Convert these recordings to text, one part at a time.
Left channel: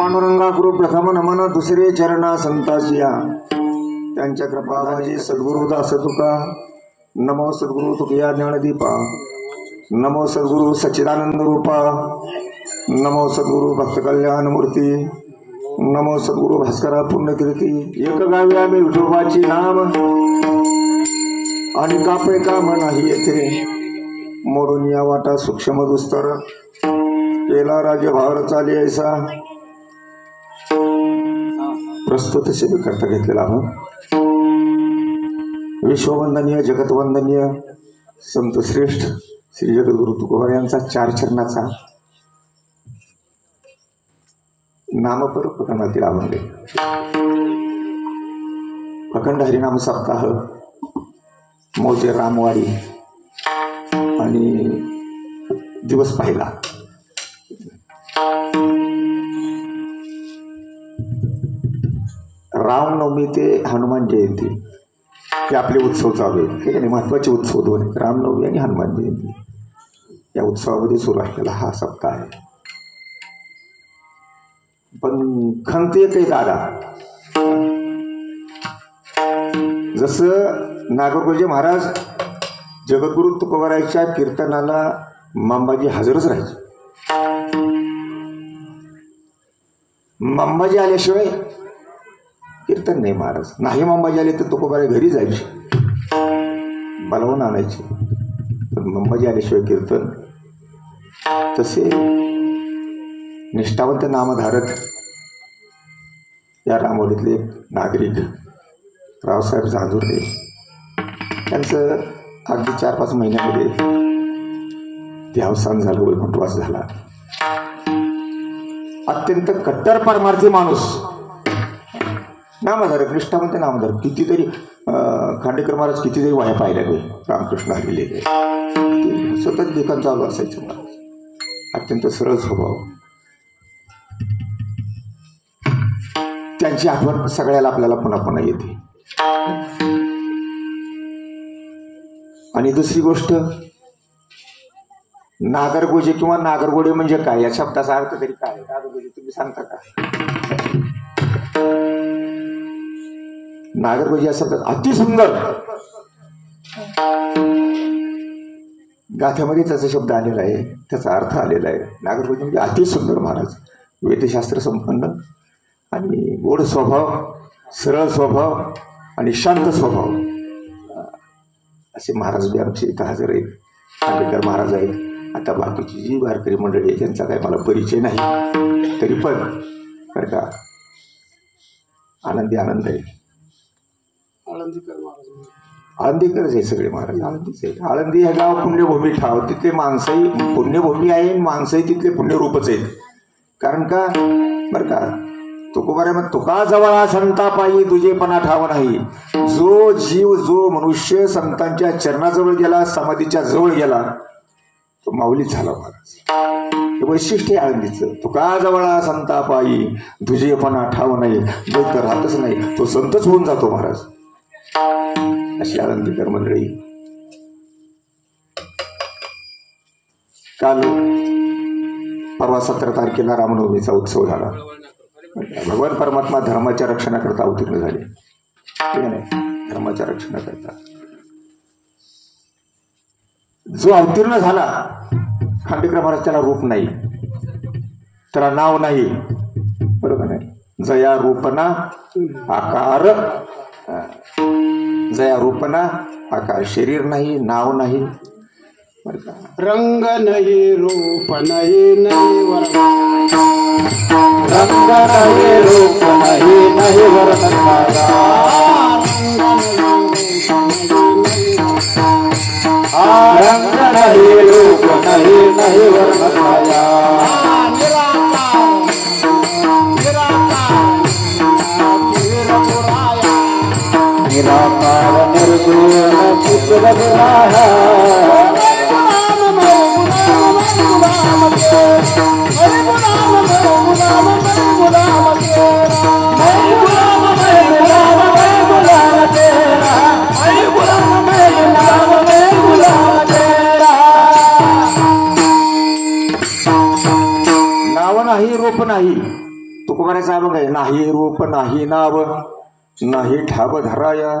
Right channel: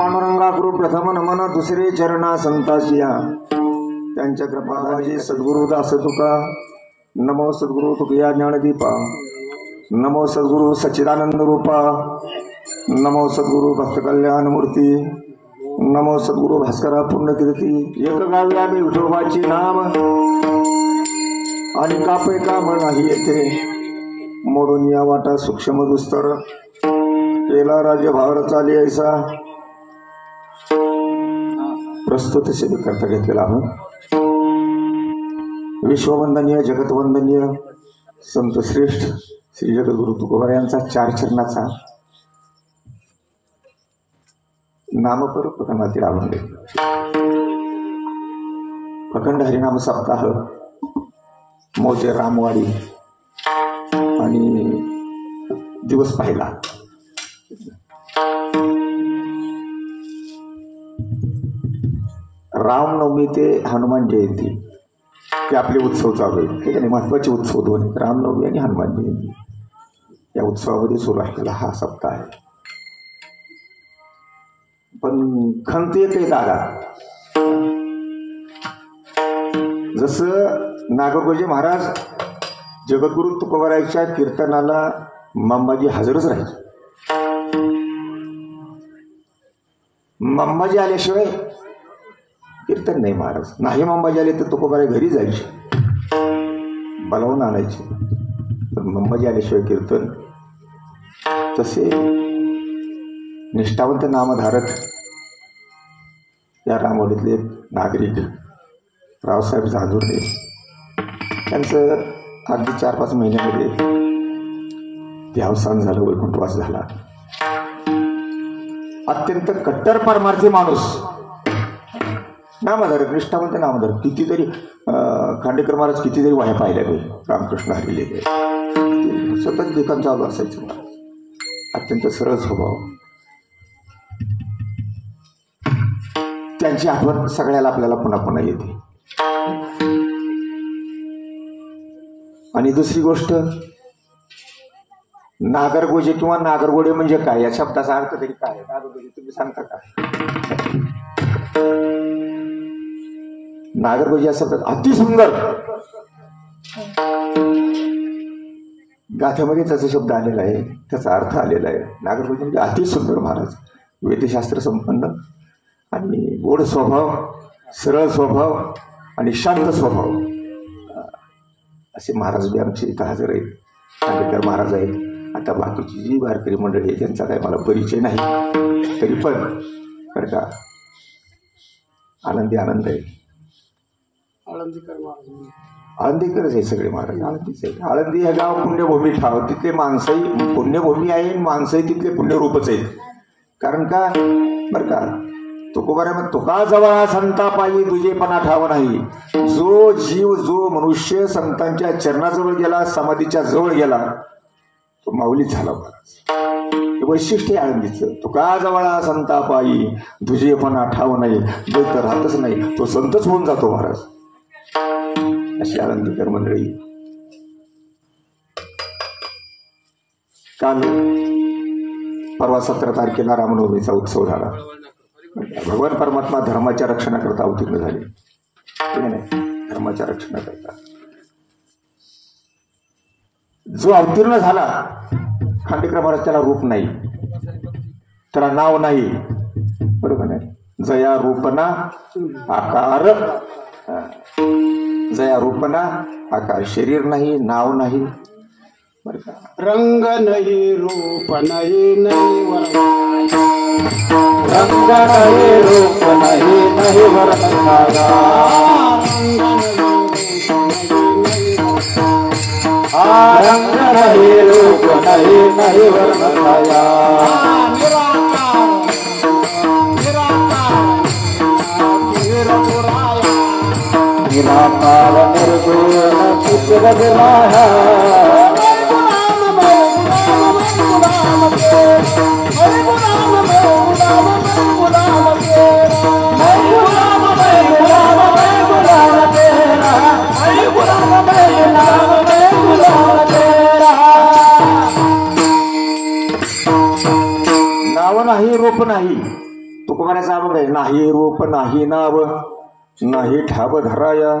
पांडुरंगा गुरु प्रथम नमन दुसरे चरणा संतासिया त्यांच्या कृपाधारी सद्गुरु दास तुका नमो सद्गुरु तुकया ज्ञानदीपा नमो सद्गुरु सच्चिदानंद रूपा नमो सद्गुरु भक्त कल्याण मूर्ती नमो सद्गुरु भास्करा पूर्ण कीर्ती एक गावी आम्ही विठोबाची नाम आणि कापे काम नाही येथे मोडून या वाटा सूक्ष्म दुस्तर केला राज्य भावर चाली ऐसा प्रस्तुत सेवे करता घेतलेला आहोत। विश्ववंदनीय जगतवंदनीय संत श्रेष्ठ श्री जगद्गुरु तुकोबार यांचा 4 चरणाचा नामपर प्रकरणातील अभंग अखंड हरिनाम सप्ताह मोजे रामवाडी आणि दिवस पाहिला। रामनवमी ते हनुमान जयंती हे आपले उत्सव चालू आहेत। ठीक आहे, महत्वाचे उत्सव दोन, रामनवमी आणि हनुमान जयंती। या उत्सवामध्ये सुरू असलेला हा सप्ताह आहे। पण खंत एक आहे दादा, जसं नागपूरचे महाराज जगद्गुरु तुकोबारायच्या कीर्तनाला मामाजी हजरच राहायचे। मामाजी आल्याशिवाय कीर्तन नाही महाराज, नाही मामाजी आले तर तुकोबाराय घरी जायचे, बोलावून आणायचे, पण मामाजी आल्याशिवाय कीर्तन। तसे निष्ठावंत नामधारक या रामवाडीतले नागरिक रावसाहेब झांजुर्डे त्यांचं अगदी 4-5 महिन्यामध्ये देहावसान झालं, वैकुंठवास झाला। अत्यंत कट्टर परमार्थी माणूस, नामधारक, निष्ठावंत नामधारक। कितीतरी खांडेकर महाराज कितीतरी वाया पाहिल्या नाही, रामकृष्ण हरिले सतत लेखन चालू असायचं महाराज। अत्यंत सरळ स्वभाव, त्यांची आठवण सगळ्याला आपल्याला पुन्हा पुन्हा येते। आणि दुसरी गोष्ट, नागरगोजे किंवा नागरगोडे म्हणजे काय, या शब्दाचा अर्थ तरी काय? नागरगोजे तुम्ही सांगता का? नागरगोजे या शब्दात अतिसुंदर गाथ्यामध्ये त्याचा शब्द आलेला आहे, त्याचा अर्थ आलेला आहे। नागरगोजे म्हणजे अतिसुंदर महाराज, वेदशास्त्र संपन्न आणि गोड स्वभाव, सरळ स्वभाव आणि शांत स्वभाव असे महाराज बी आमचे इथं हजर आहेत। खांडेकर महाराज आहेत। आता बाकीची जी वारकरी मंडळी आहे त्यांचा काही मला परिचय नाही, तरी पण बरं का आनंदी आनंद आहे। आळंदीकरच आहे सगळे महाराज, आळंदीच आहे। आळंदी हे गाव पुण्यभूमी ठाव, तिथले माणसंही पुण्यभूमी आहे, माणसंही तिथले पुण्यरूपच आहेत। कारण का बरं का तुकोबारा मग तुका जवळ संतापायी दुजेपणा ठाव नाही। जो जीव, जो मनुष्य संतांच्या चरणाजवळ गेला, समाधीच्या जवळ गेला, तो माऊलीच झाला महाराज। वैशिष्ट्य आहे आळंदीचं, तुका जवळ संतापायी दुजेपणा ठाव नाही। जो तर राहतच नाही तो संतच होऊन जातो महाराज। अशी आळंदीकर मंडळी। काल परवा 17 तारखेला रामनवमीचा उत्सव झाला। भगवान परमात्मा धर्माच्या रक्षणाकरता अवतीर्ण झाले, ठीक आहे, धर्माच्या रक्षणाकरता जो अवतीर्ण झाला, खांडेकर महाराज त्याला रूप नाही, त्याला नाव नाही, बरोबर नाही। जया रूपना आकार, जया रूपना आकार, शरीर नाही, नाव नाही, रंग नाही, रूप नाही, रंग नाही, रूप नाही, नाही वर्ण रंग नाही, रूप नाही, नाही वर्ण निराकार निर्गुण चित्र विराहा तुकोबाराचा अभंग आहे, नाही रूप नाही नाव नाही ठाव धराया,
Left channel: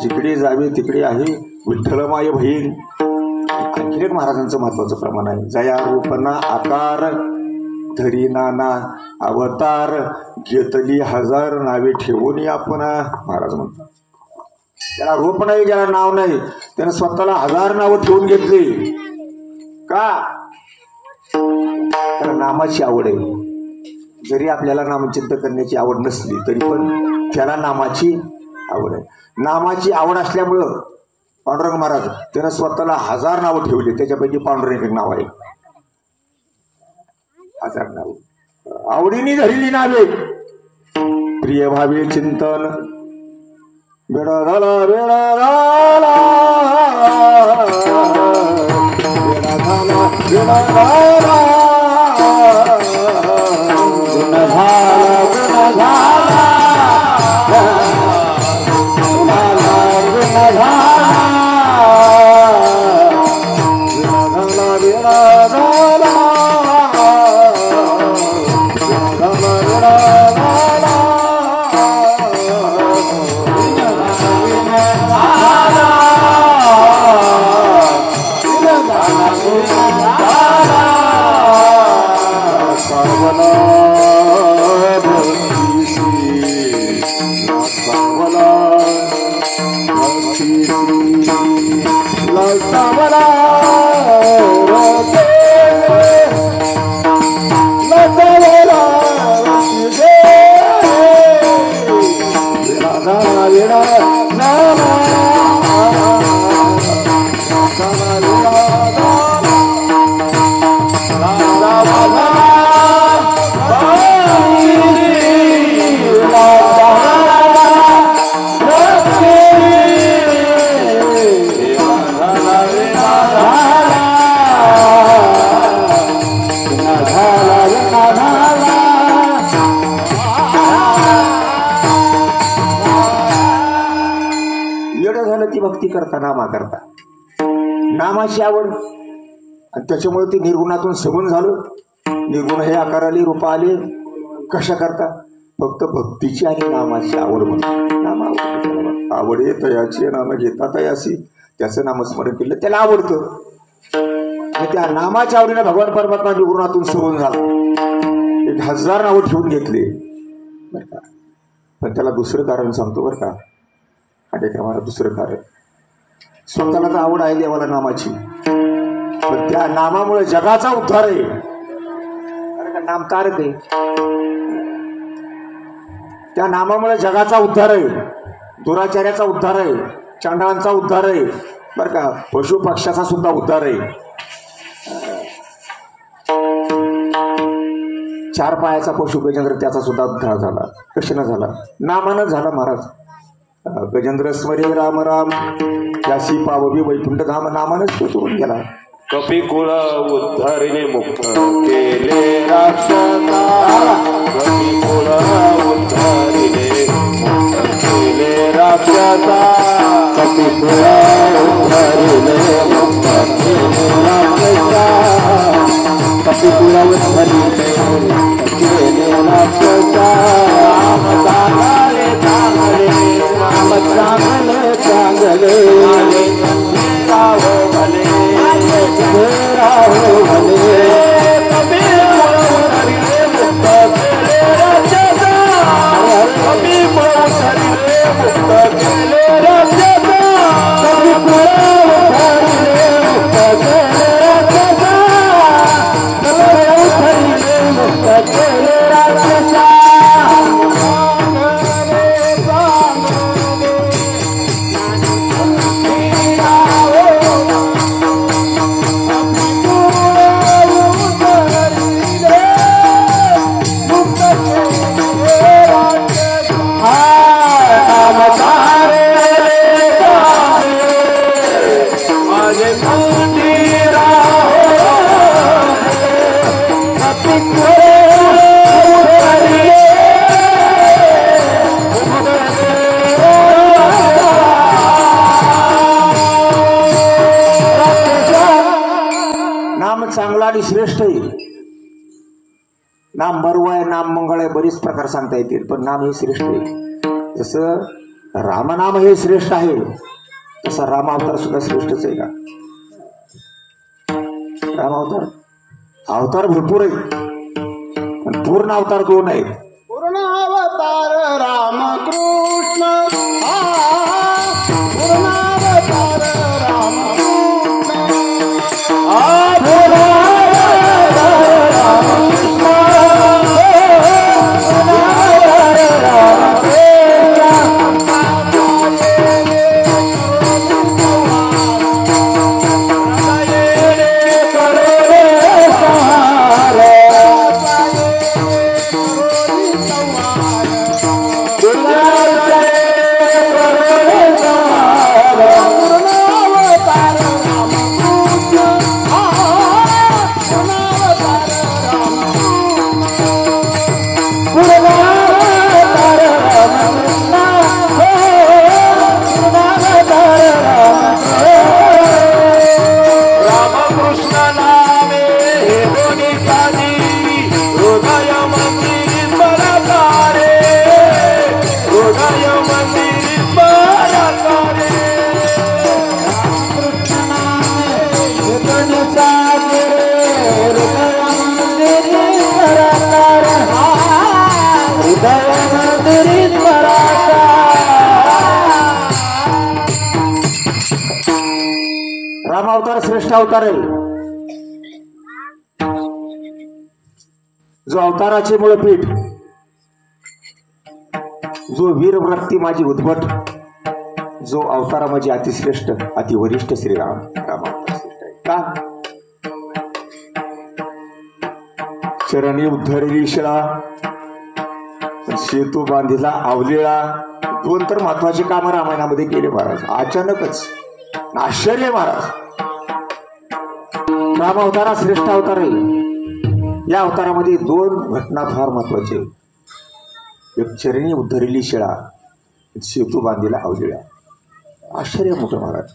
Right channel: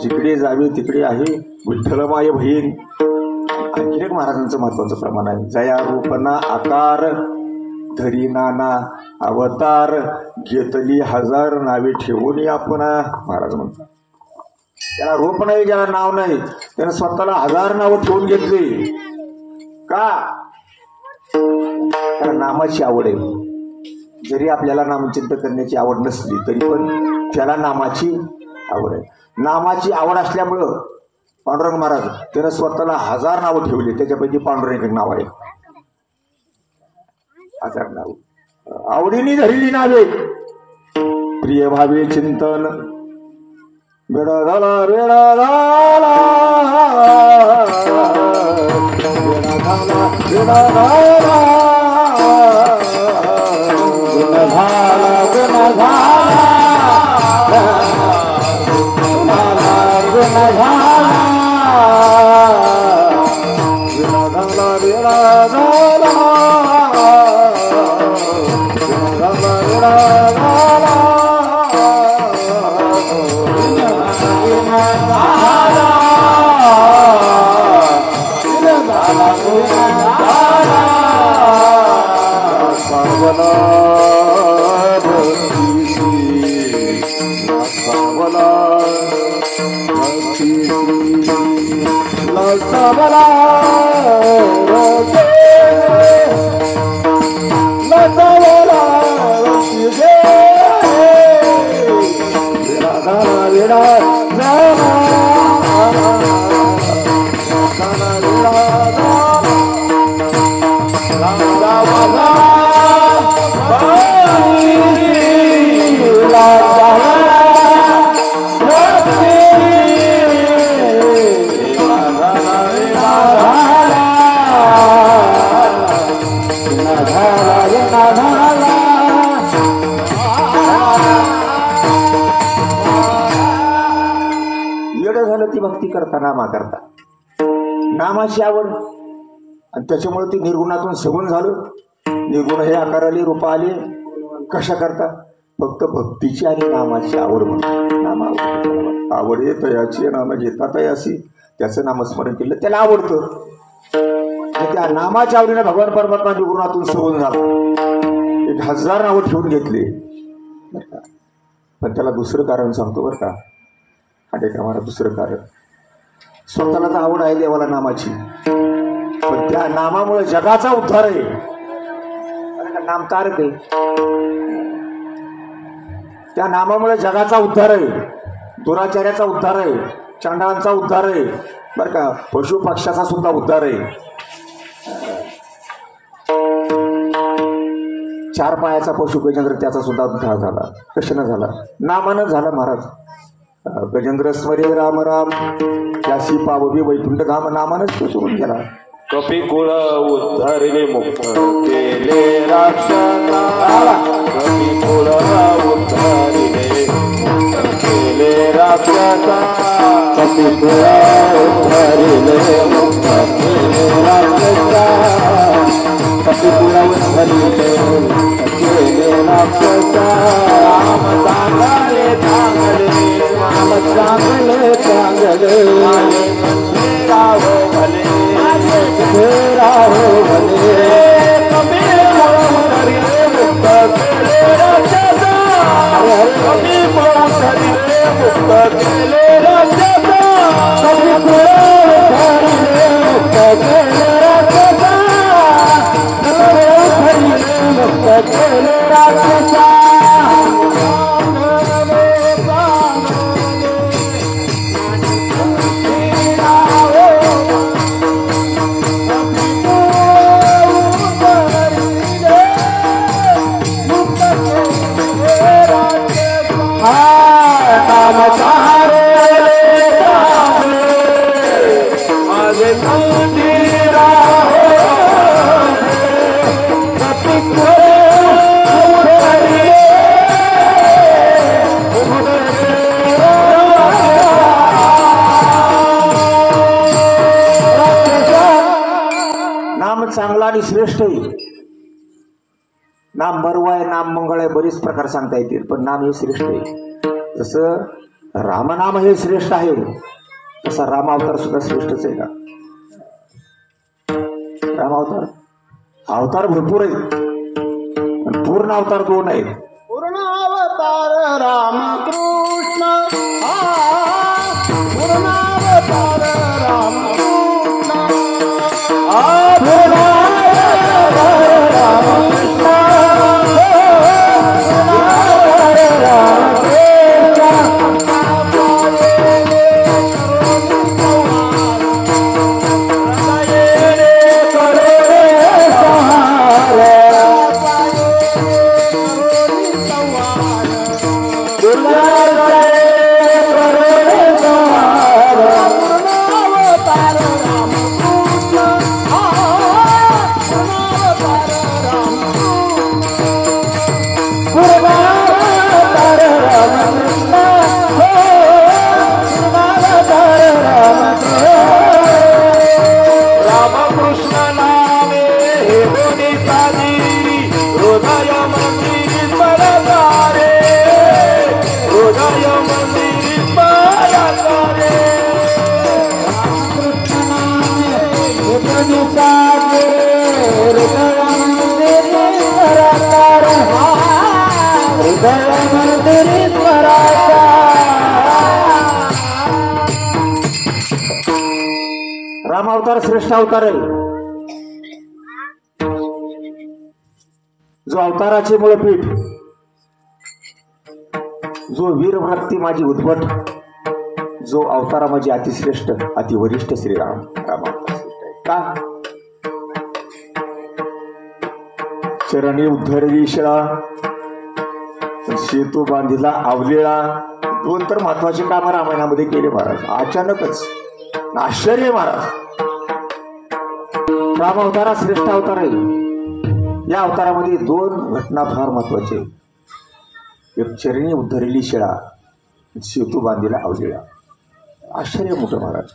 जिकडे जावे तिकडे आहे विठ्ठल माय बहीण. आणखी एक महाराजांचं महत्वाचं प्रमाण आहे, जया रूपना आकार धरी नाना अवतार, घेतली हजार नावे ठेवून आपण. महाराज म्हणतात त्याला रूप नाही, ज्याला नाव नाही, त्यानं स्वतःला हजार नावं ठेवून घेतली. का? त्याला नामाची आवड आहे. जरी आपल्याला नामचिंतन करण्याची आवड नसली तरी पण त्याला नामाची आवड आहे. नामाची आवड असल्यामुळं पांडुरंग महाराज त्यानं स्वतःला हजार नावं ठेवली. त्याच्यापैकी पांडुरंग नाव आहे. हजार नाव आवडीने धरली नावे. प्रिय भावे चिंतन वेळा झाला वेळा झाला वेळा झाला भक्ती करता नामा करता नामाची आवड आणि त्याच्यामुळे ती निर्गुणातून सगुण झालं. निर्गुण हे आकार आले रूप आले कशा करता? फक्त भक्तीची आणि नामाची आवड. नामा आवडे तयाची नाम घेता तयासी, त्याचं नामस्मरण केलं त्याला आवडतं. आणि त्या नामाच्या आवडीने भगवान परमात्मा निर्गुणातून सगुण झाला. 1000 नावं ठेवून घेतले बरं का. पण त्याला दुसरं कारण सांगतो बरं का. कार्यक्रमाला दुसरं कारण, स्वतःला तर आवड आहे देवाला नामाची, पण त्या नामामुळे जगाचा उद्धार आहे. नाम तारक आहे. त्या नामामुळे जगाचा उद्धार आहे, दुराचार्याचा उद्धार आहे, चांडळांचा उद्धार आहे बरं का, पशु पक्षाचा सुद्धा उद्धार आहे. 4 पायाचा पशु गजेंद्र त्याचा सुद्धा उद्धार झाला. कशाने झाला? नामानं झाला महाराज. गजेंद्र स्मरे राम राम त्यासी पाववी वैकुंठ धाम, नामानच तो सोडून गेला. कपिकुळ उद्धरिणे मुक्त केले राक्षसा, कपिकुळ उद्धरिणे मुक्त केले राक्षसा, कपिकुळ उद्धरिणे मुक्त केले राक्षसा, कपिकुळ उद्धरिणे मुक्त केले राक्षसा. चांगले चांगले राहो भले राहो भले, नाम मंगळ आहे, बरेच प्रकार सांगता येतील, पण नाम हे श्रेष्ठ आहे. जसं रामनाम हे श्रेष्ठ आहे तसा राम अवतार सुद्धा श्रेष्ठच आहे का? राम अवतार भरपूर आहेत, पण पूर्ण अवतार 2 आहेत. पूर्ण अवतार रामकृष्ण, पूर्ण अवतार राम अवतार श्रेष्ठ अवतार आहे. जो अवताराचे मूळपीठ, जो वीरव्रती माझी उद्भट, जो अवतारा माझी अतिश्रेष्ठ अतिवरिष्ठ श्रीराम. राम अवतार श्रेष्ठ आहे का? चरणी उद्धरली शिळा, सेतू बांधिला आवलेळा. 2 तर महत्वाची कामं रामायणामध्ये केले महाराज. अचानकच आश्चर्य महाराज. राम अवतारा श्रेष्ठ अवतार आहे. या अवतारामध्ये 2 घटना फार महत्वाचे. एक चरणी उद्धरली शिळा, सेतू बांधिला आवलेळा. आश्चर्य मोठं महाराज.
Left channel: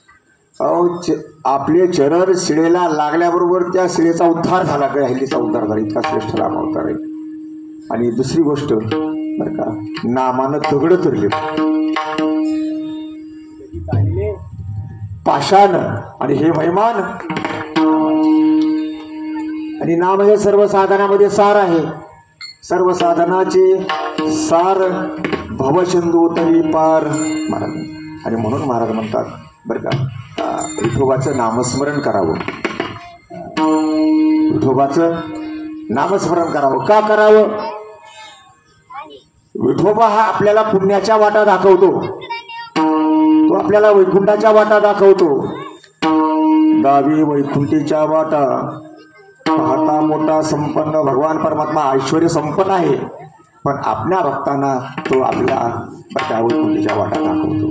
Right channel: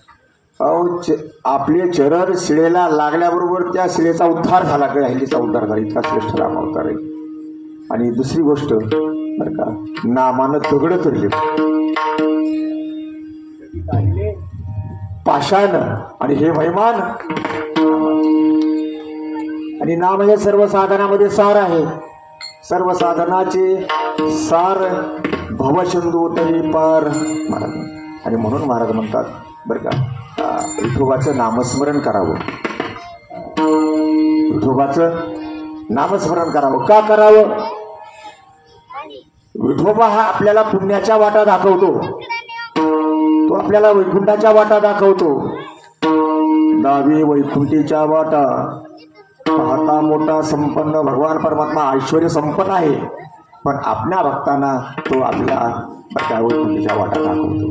आपले चरण शिळेला लागल्याबरोबर त्या शिळेचा उद्धार झाला, काही हल्लीचा उद्धार झाला. इतका श्रेष्ठ राम अवतार आहे. आणि दुसरी गोष्ट बरं का, नामानं दगड फिरले, पाषाण आणि हे महिमान. आणि नाम हे सर्व साधनामध्ये सार आहे. सर्व साधनाचे सार भवशंदू तरी पार महाराज. आणि म्हणून महाराज म्हणतात बरं का, विठोबाचं नामस्मरण करावं. विठोबाचं नामस्मरण करावं. का करावं? विठोबा हा आपल्याला पुण्याच्या वाटा दाखवतो. तो आपल्याला वैकुंठाच्या वाटा दाखवतो. दावी वैकुंठीच्या वाटा पाहता मोठा संपन्न भगवान परमात्मा ऐश्वर्य संपन्न आहे, पण आपल्या भक्तांना तो आपल्या वैकुंठीच्या वाटा दाखवतो.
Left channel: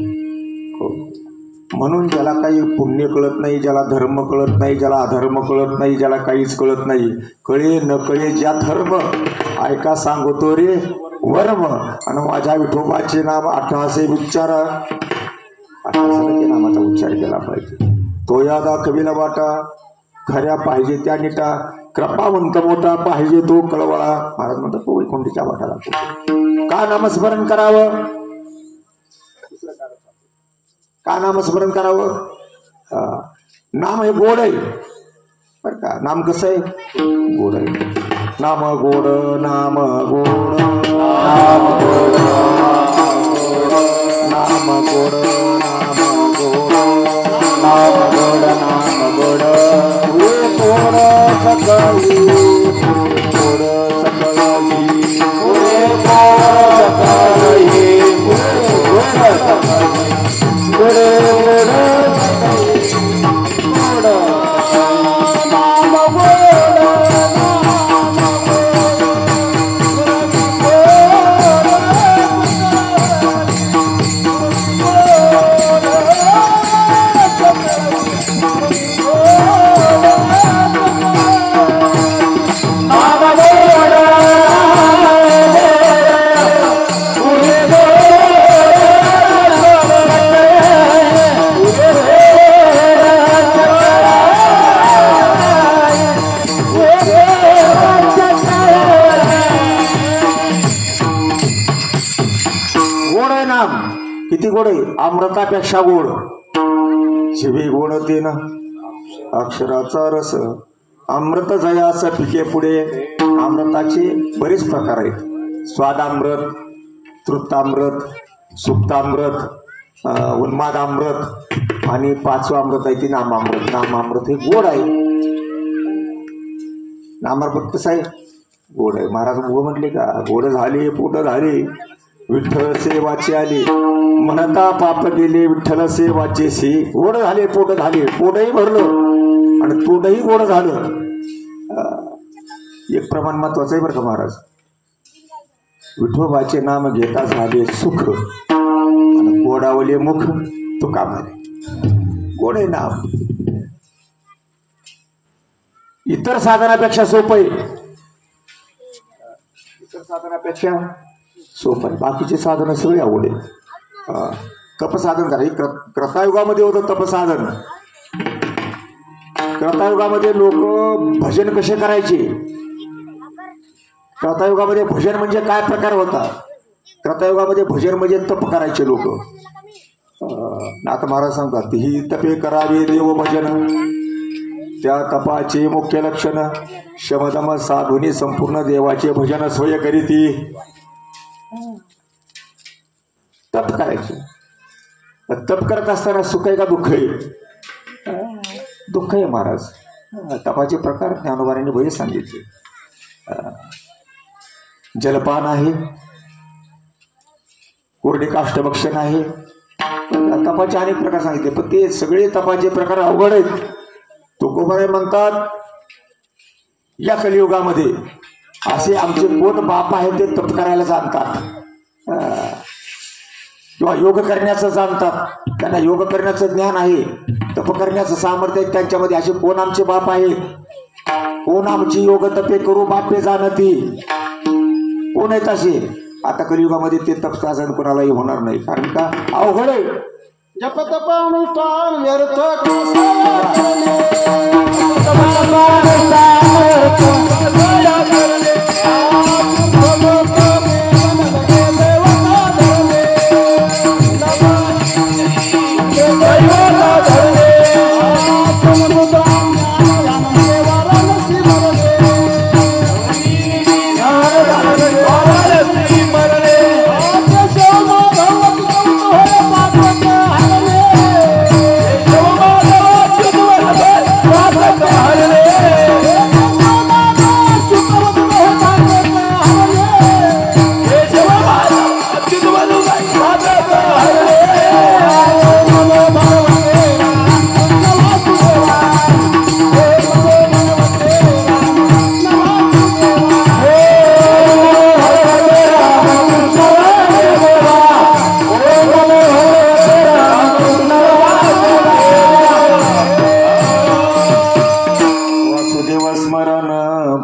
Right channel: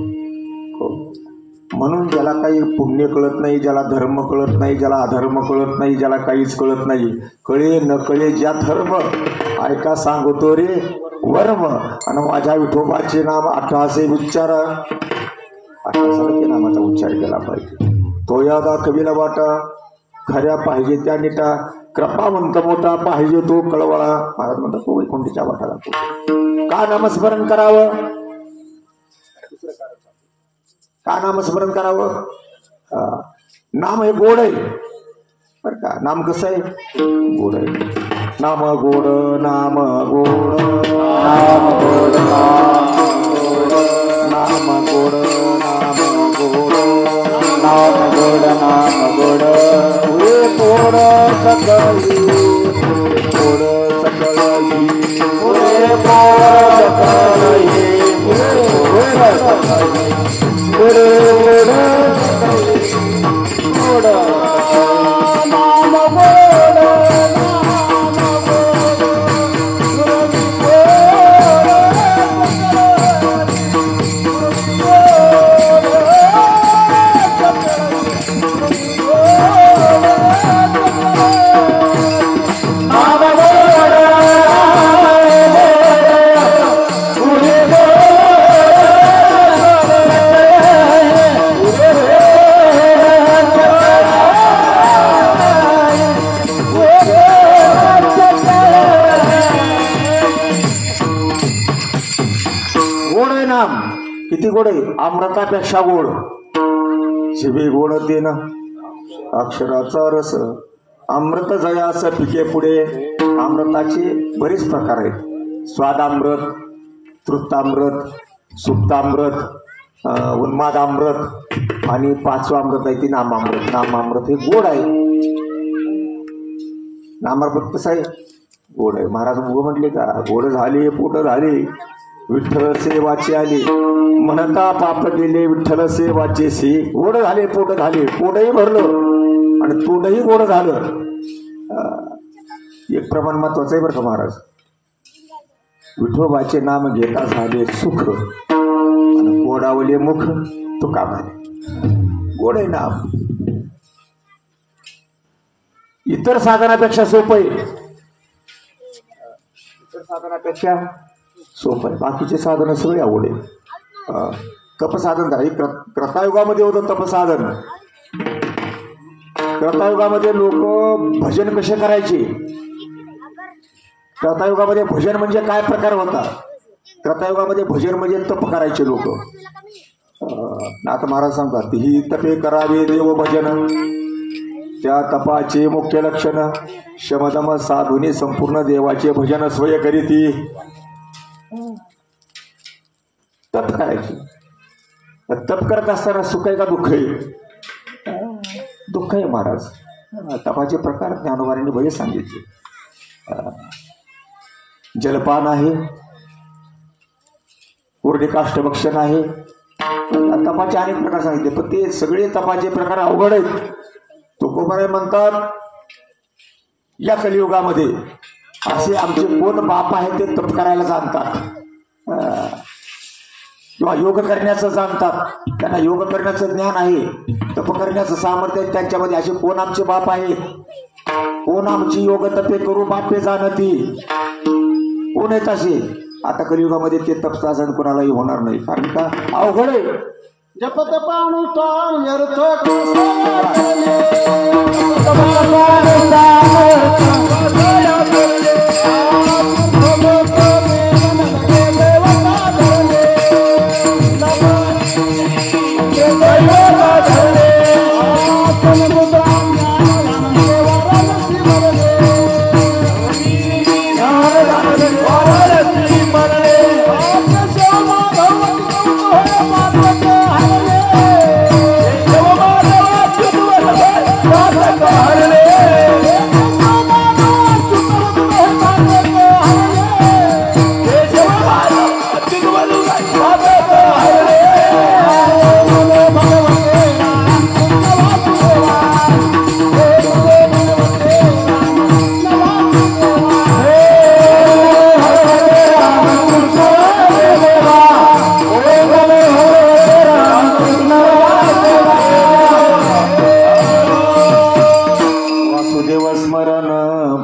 म्हणून ज्याला काही पुण्य कळत नाही, ज्याला धर्म कळत नाही, ज्याला अधर्म कळत नाही, ज्याला काहीच कळत नाही, कळे न कळे ज्या धर्म ऐका सांगतो रे वर्म. आणि माझ्या विठोबाचे नाम 18 उच्चारा. 18 नामाचा उच्चार केला पाहिजे. तो या दाखविला वाटा खऱ्या पाहिजे त्या नीटा. कृपावंत मोठा पाहिजे तो कळवा. महाराज म्हणतात तो वैकुंठीच्या वाटा दाखवतो. का नामस्मरण करावं? का नामस्मरण करावं? नाम हे गोड आहे बरं का. नाम कसं आहे? गोड आहे. नाम गोड, नाम गोड, नाम गोड, नाम गोड, नाम गोड, नाम गोड, नाम गोड. हे गोड सकळी, गोड सकळी, हे गोड सकळी, गोड नाम किती गोड आहे, अमृतापेक्षा गोड. शिवे गोड तेन अक्षराचा रस, अमृत जयास पिके पुढे. अमृताचे बरेच प्रकार आहेत. स्वादामृत, तृप्तामृत, सुप्तामृत, उन्मादामृत आणि 5वं अमृत आहे ते नामामृत. नामामृत हे गोड आहे. नामामृत कसं आहे, गोड आहे. महाराज म्हटले का, गोड झाले पोट झाले विठ्ठल सेवाचे आले, म्हणता पाप गेले विठ्ठल सेवाचे से. गोड झाले पोट झाले, पोटही भरलं आणि तोंडही गोड झालं. एक प्रमाण महत्वाचं आहे बरं का महाराज. विठोबाचे नाम घेता झाले सुख आणि गोडावले मुख तुका मारे. गोड आहे नाम. इतर साधनापेक्षा सोपं आहे. इतर साधनापेक्षा सोपं आहे. बाकीचे साधन सगळे आवड आहे. तपसाधन झाले. क्रतायुगामध्ये होतं तपसाधन. क्रतायुगामध्ये लोक भजन कसे करायचे. क्रतायुगामध्ये भजन म्हणजे काय प्रकार होता. क्रतायुगामध्ये भजन म्हणजे तप करायचे लोक. आता महाराज सांगतात, ही तपे करावे देव भजन, त्या तपाचे मुख्य लक्षण शमदम साधुनी संपूर्ण देवाचे भजन स्वय करीती. तप करायचे. तप करत असताना सुख आहे का दुःख आहे. दुःख आहे महाराज. तपाचे प्रकार ज्ञानोबांनी बरेच सांगितले. जलपान आहे, कोरडे काष्ठभक्षण आहे. तपाचे अनेक प्रकार सांगितले, पण ते सगळे तपाचे प्रकार अवघड आहेत. तुकोबाराय म्हणतात, या कलियुगामध्ये असे आमचे कोण बाप आहे ते तप करायला जाणतात किंवा योग करण्याचं जाणतात. त्यांना योग करण्याचं ज्ञान आहे, तप करण्याचं सामर्थ्य आहे त्यांच्यामध्ये. असे कोण आमचे बाप आहे, कोण आमची योग तपे करू बापे जाणती, कोण आहेत असे. आता कलियुगामध्ये ते तप साधन कोणालाही होणार नाही. कारण का, अवघड आहे. जप तप अनुष्ठान व्यर्थ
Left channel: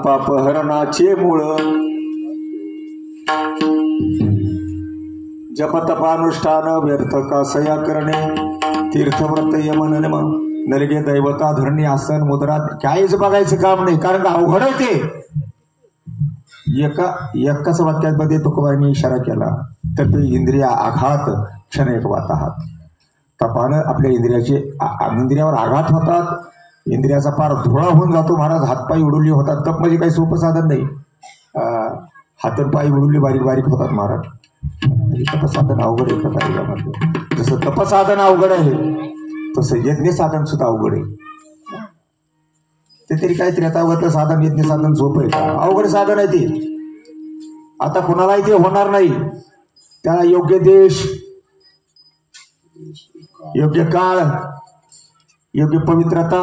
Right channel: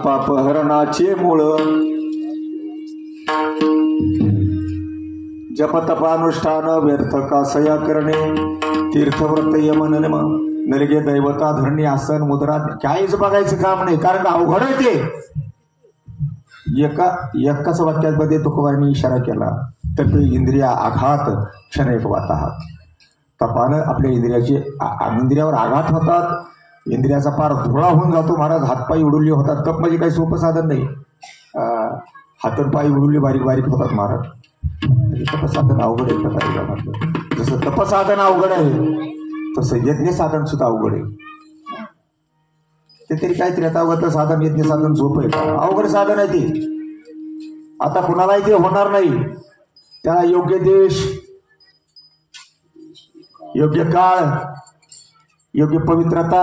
पापहरणाचे मूळ. जपतपानुष्ठान व्यर्थ कासया करणे, तीर्थव्रत यमन नलगे दैवता धरणी आसन मुद्रा काहीच बघायचं काम नाही. कारण अवघड आहे ते. एकाच वाक्यामध्ये तुकोबांनी इशारा केला, तर ते इंद्रिया आघात क्षण एक वाताहात. तपानं आपल्या इंद्रियावर आघात होतात. इंद्रियाचा पार धुळा होऊन जातो. महाराज हातपाय उडुली होतात. तप म्हणजे काही सोपं साधन नाही. हातपाय उडुली बारीक बारीक होतात महाराज. तपसाधन अवघड आहे. त्या जसं तपसाधन अवघड आहे तसं यज्ञ साधन सुद्धा अवघड आहे. ते तरी काहीतरी आता अवघड साधन यज्ञ साधन सोपं आहे का. अवघड साधन आहे ते. आता कुणालाही ते होणार नाही. त्याला योग्य देश, योग्य काळ, योग्य पवित्रता,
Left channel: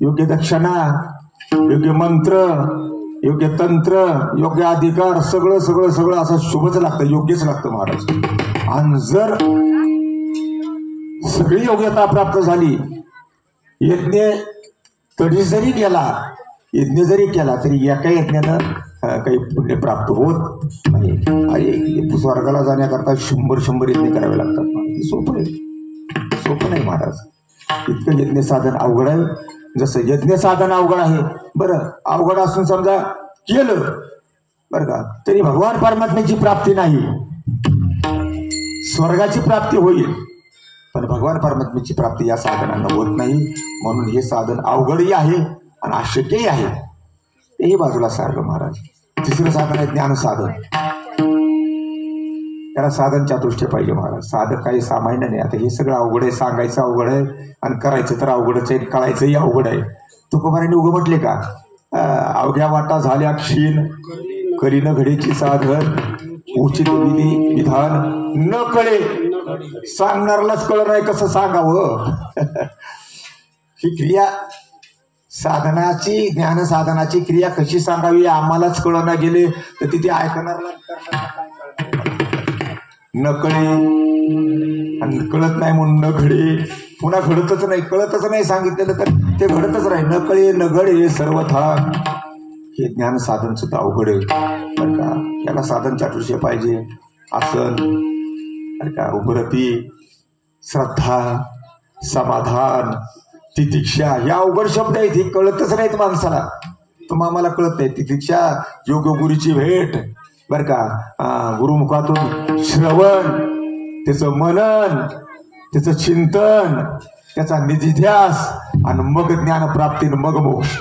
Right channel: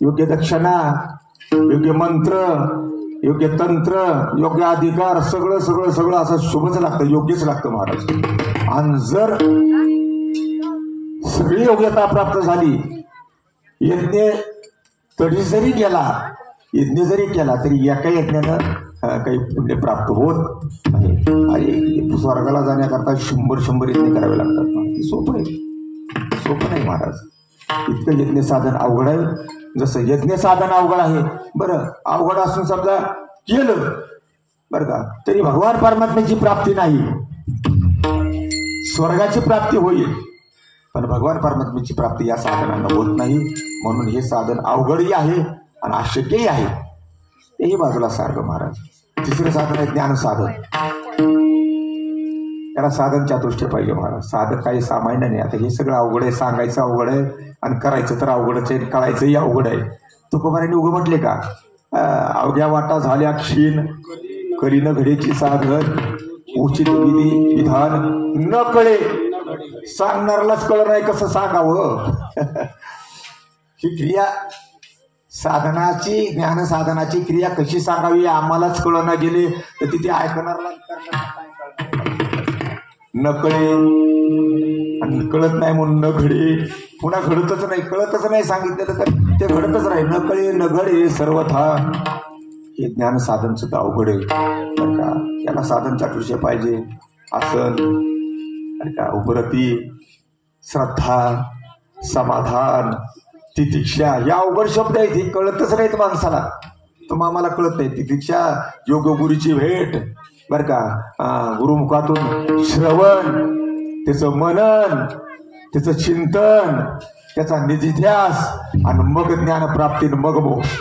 योग्य दक्षिणा, योग्य मंत्र, योग्य तंत्र, योग्य अधिकार, सगळं सगळं सगळं असं शुभच लागतं, योग्यच लागतं महाराज. आणि जर सगळी योग्यता प्राप्त झाली, यज्ञ तरी जरी केला, यज्ञ जरी केला तरी एका यज्ञानं काही पुण्य प्राप्त होत नाही. अरे स्वर्गाला जाण्याकरता 100 यज्ञ करावे लागतात. सोपं आहे, सोपं नाही महाराज. इतकं यज्ञ साधन अवघड आहे. जसं यज्ञ साधन अवघड आहे, बरं अवघड असून समजा केलं बरं का, तरी भगवान परमात्म्याची प्राप्ती नाही. स्वर्गाची प्राप्ती होईल, पण भगवान परमात्म्याची प्राप्ती या साधनांना होत नाही. म्हणून हे साधन अवघडही आहे आणि अशक्यही आहे. तेही बाजूला सारलं महाराज. तिसरं साधन आहे ज्ञान साधन. त्याला साधन चातुष्य पाहिजे महाराज. साधन काही सामान्य नाही. आता हे सगळं अवघड आहे, सांगायचं अवघड आहे आणि करायचं तर अवघडच आहे, कळायचंही अवघड आहे. तुकोबारांनी उगं म्हटले का, अवघ्या वाटा झाल्या क्षीण, करीन घडीची साधन, उचित विधी विधान न कळे. सांगणाऱ्यालाच कळलं नाही कसं सांगावं. ही क्रिया साधनाची, ज्ञान साधनाची क्रिया कशी सांगावी आम्हालाच कळना गेले तर तिथे ऐकणारला न कळे आणि कळत नाही म्हणून न घडे. पुन्हा घडतच नाही, कळतच नाही सांगितलेलं तर ते घडतच नाही. न कळे न घडे सर्वथा. हे ज्ञान साधन सुद्धा अवघड आहे बरं का. याला साधन चातुर्य पाहिजे. आसन बरं का, उपरती, श्रद्धा, समाधान, तितिक्षा या अवघड शब्द आहेत. हे कळतच नाहीत माणसाला. तर आम्हाला कळत नाही. तितिक्षा योग्य गुरुची भेट बरं का, गुरुमुखातून श्रवण, त्याचं मनन, त्याचं चिंतन, त्याचा निधिध्यास आणि मग ज्ञानप्राप्ती, मग मोक्ष.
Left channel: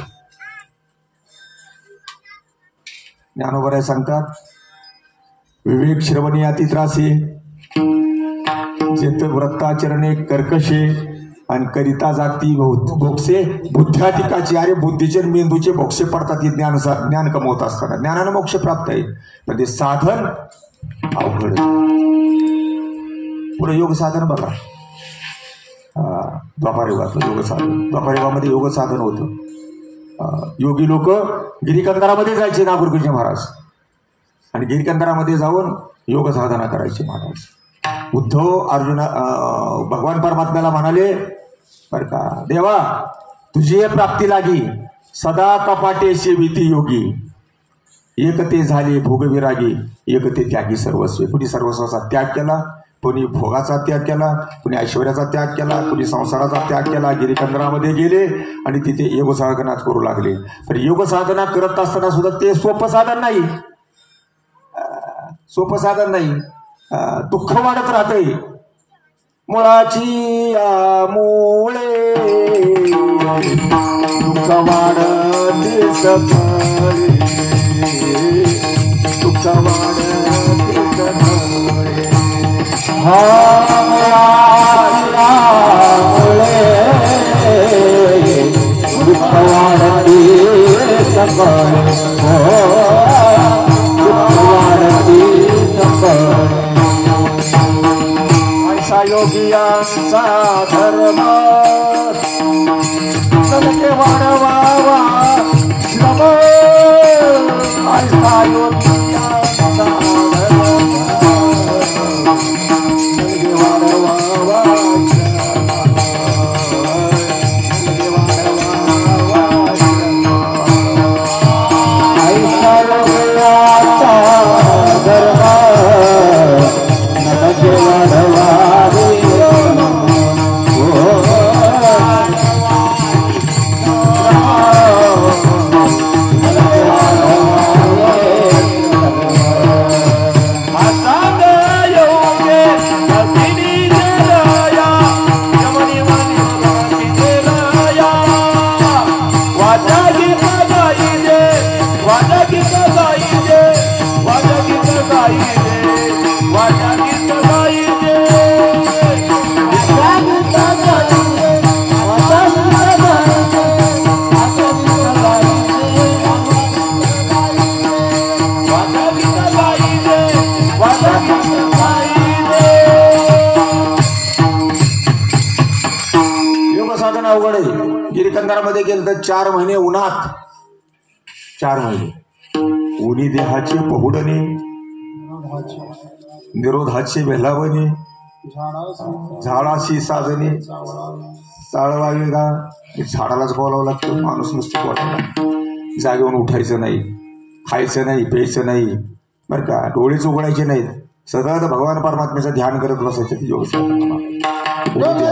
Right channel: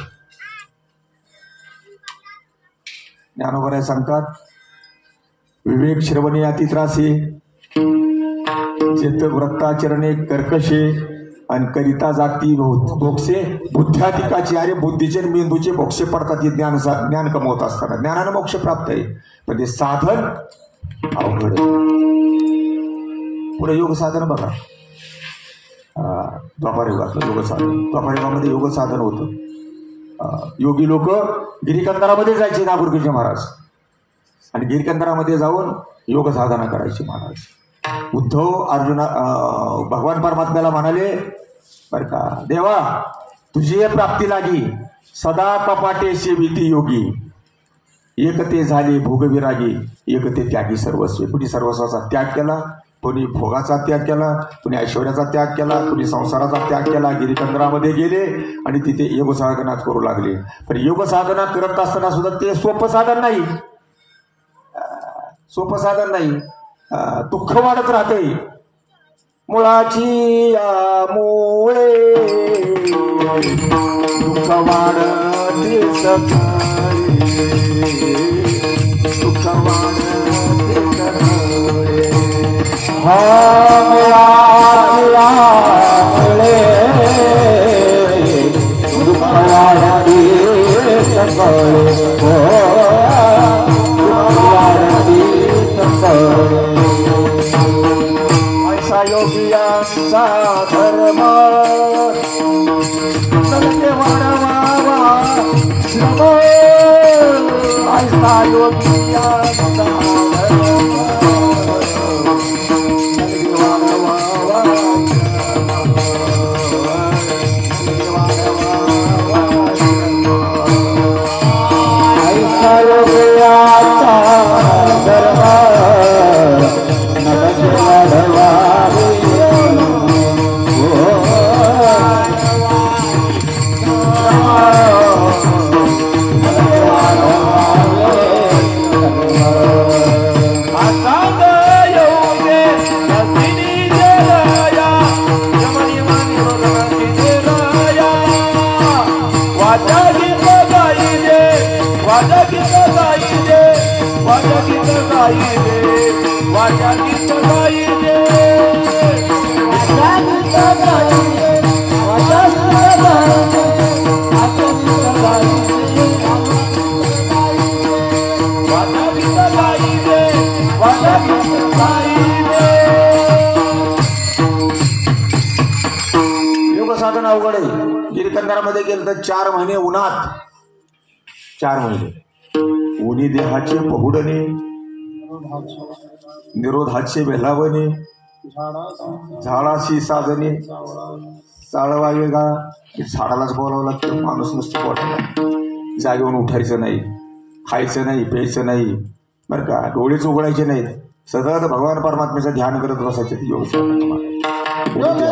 ज्ञानोबराय सांगतात, विवेक श्रवणे अति त्रासे, जेत व्रताचरणे कर्कशे, आणि करिता जागती बोक्षे बुद्ध्याधिकाची. अरे बुद्धीचे मेंदूचे बोक्षे पडतात हे ज्ञान कमवत असताना. ज्ञानाने मोक्ष प्राप्त आहे, पण ते साधन अवघड. पुढे योग साधन बघा. द्वापार युगातलं योग साधन. द्वापार युगामध्ये योग साधन होतं. योगी लोक गिरिकंदरामध्ये जायचे नागुरकृष्ण महाराज, आणि गिरिकंदरामध्ये जाऊन योग साधना करायचे महाराज. उद्धव अर्जुन भगवान परमात्म्याला म्हणाले बर का, देवा तुझी प्राप्ती लागी सदा कपाटे सेविती योगी, एकते झाले भोगविरागी, एकते त्यागी सर्वस्व. कुणी सर्वस्वाचा त्याग केला, कुणी भोगाचा त्याग केला, कुणी ऐश्वर्याचा त्याग केला, कुणी संसाराचा त्याग केला. गिरिकंदरामध्ये गेले आणि तिथे योग साधना करू लागले. पण योग साधना करत असताना सुद्धा ते सोपं साधन नाही, सोपं साधन नाही. दुःख वाढत राहते. मुळाची मुळे दुःख वाढते सकाळी, दुःख वाढते सकाळी. दुःख वाढते सकाळी, ऐसा योगियांचा धर्म सत्य वाढवावा श्रम. ऐसा योगियांचा धर्म सत्य वाढवावा ऐसा योगियांचा धर्म गिरिकंदरामध्ये गेलं तर 4 महिने उन्हात, 4 महिने उन्ही देहाचे पहुडणे, निरोधाचे वेलावणे, झाडाशी साधने. चाळवा वेगा झाडालाच बोलावं लागतं. माणूस नुसतं बोलावं, जागेवरून उठायचं नाही, खायचं नाही, प्यायचं नाही बरं का, डोळेच उघडायचे नाहीत. सतत भगवान परमात्म्याचं ध्यान करत बसायचं. योग योग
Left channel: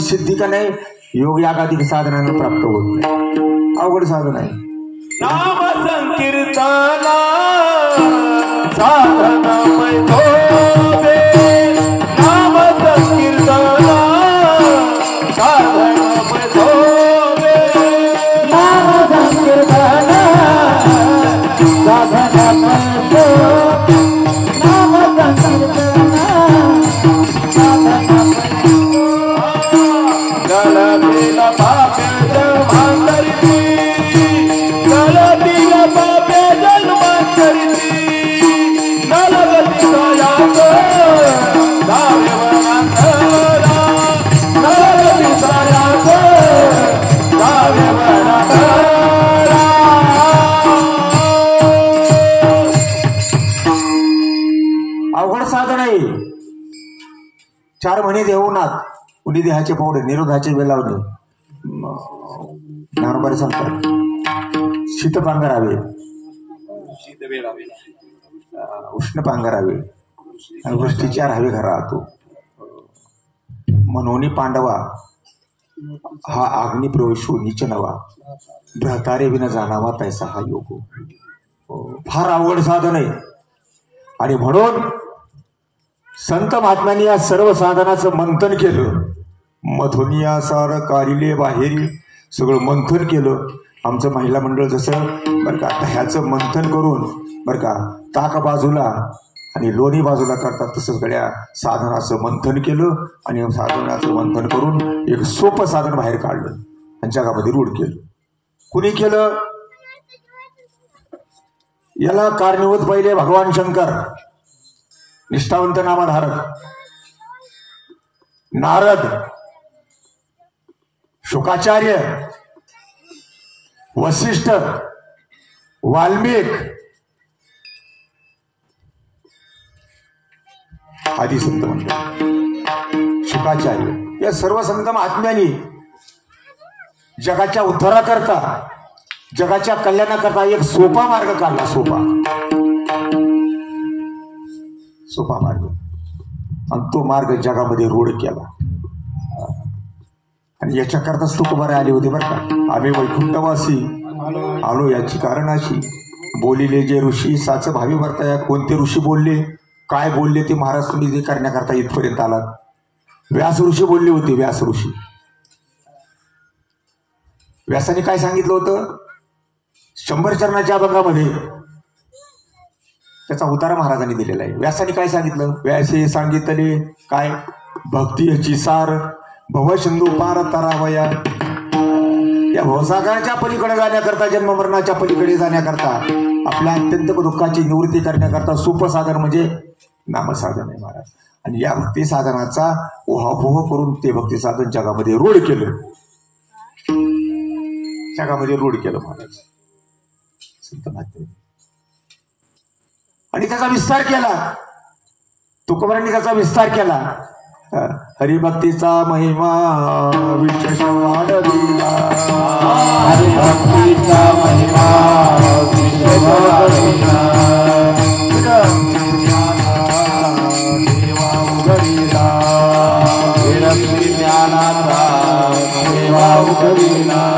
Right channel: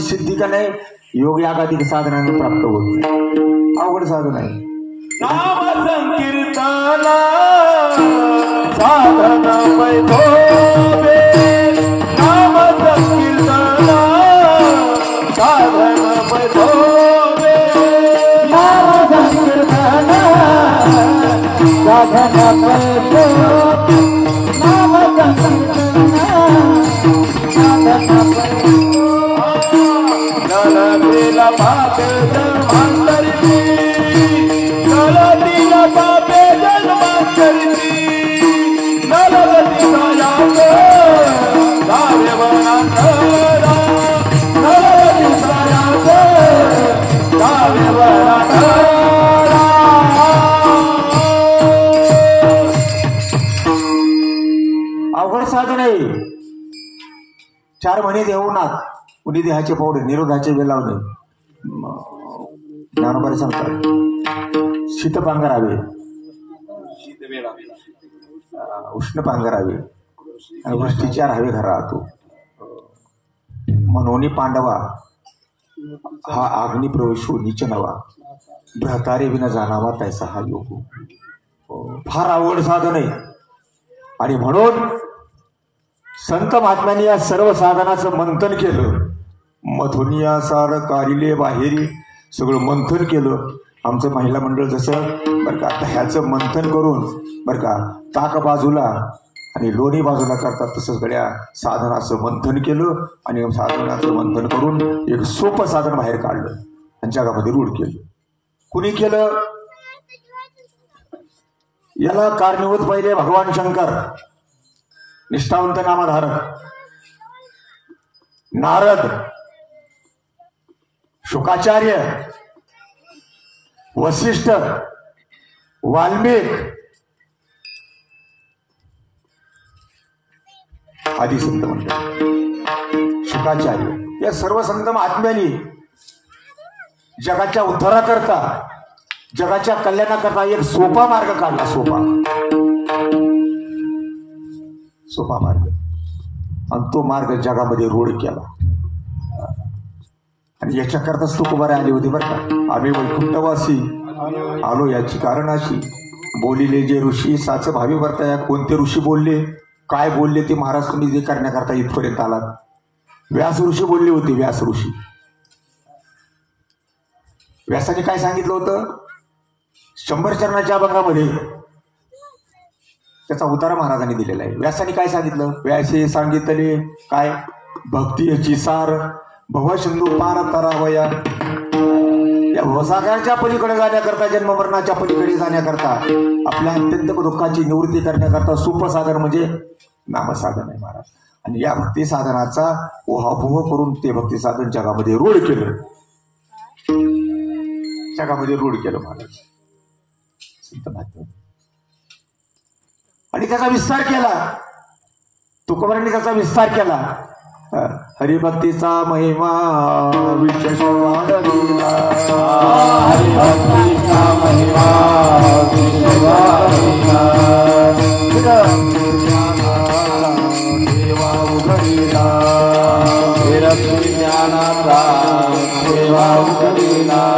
सिद्धी का नाही योग यागाधिक साधनाने प्राप्त होत नाही अवघड साधन आहे नाम संकीर्तना साधन पैठोबे नाम संकीर्तना साधन पैठोबे नाम संकीर्तना साधन पैठोबे नाम संकीर्तना अवघड साधन आहे 4 महिने देऊनात कुणी देहाचे पावडे निरोधाचे वेळ लावणे ज्ञानोबारी सांगतात शीत पांघरावे उष्ण पांघरावे आणि वृष्टीच्या राहावे घरात मनोनी पांडवा हा अग्नि प्रवेशो नीच नवा भ्रतारे विना जाणावा पैसा हा योग फार अवघड साधन आहे आणि म्हणून संत महात्म्यांनी या सर्व साधनाचं मंथन केलं मथुनिया सार कारिले बाहेरी सगळं मंथन केलं आमचं महिला मंडळ जसं बरं का ह्याचं मंथन करून बरं का ताक बाजूला आणि लोणी बाजूला करतात तसं सगळ्या साधनाचं मंथन केलं आणि साधनाचं मंथन करून एक सोपं साधन बाहेर काढलं आणि जगामध्ये रूढ केलं कुणी केलं याला कारणीभूत पहिले भगवान शंकर निष्ठावंत नामधारक नारद शुकाचार्य वसिष्ठ वाल्मिक आदी संत म्हणतात शुकाचार्य या सर्व संत महात्म्यांनी जगाच्या उद्धाराकरता जगाच्या कल्याणाकरता एक सोपा मार्ग काढला सोपा मार्ग आणि तो मार्ग जगामध्ये रूढ केला आणि याच्याकरताच तुकोबारे आले होते बरं का आम्ही वैकुंठवासी आलो याची कारण अशी बोलिले जे ऋषी साच भावी वर्ताया कोणते ऋषी बोलले काय बोलले ते महाराज तुम्ही जे करण्याकरता इथपर्यंत आलात व्यास ऋषी बोलले होते व्यास ऋषी व्यासाने काय सांगितलं होतं 100 चरणाच्या अभंगामध्ये त्याचा उतारा महाराजांनी दिलेला आहे व्यासाने काय सांगितलं व्यासे सांगितले काय भक्ती याची सार भवसिंधू पार तरावया या भवसागराच्या पलीकडे जाण्याकरता जन्म मरणाच्या पलीकडे जाण्याकरता आपल्या अत्यंत दुःखाची निवृत्ती करण्याकरता सोपं साधन म्हणजे नामसाधन आहे महाराज आणि या भक्ती साधनाचा ओहापोह करून ते भक्ती साधन जगामध्ये रूढ केलं महाराज संत महात्मे आणि त्याचा विस्तार केला तुकोबारांनी त्याचा विस्तार केला हरिभक्तीचा महिमा विशेष वाढविला हरिभक्तीचा महिमा विशेष वाढविला देवा उघडिला विरक्ती ज्ञानाचा देवा उघडिला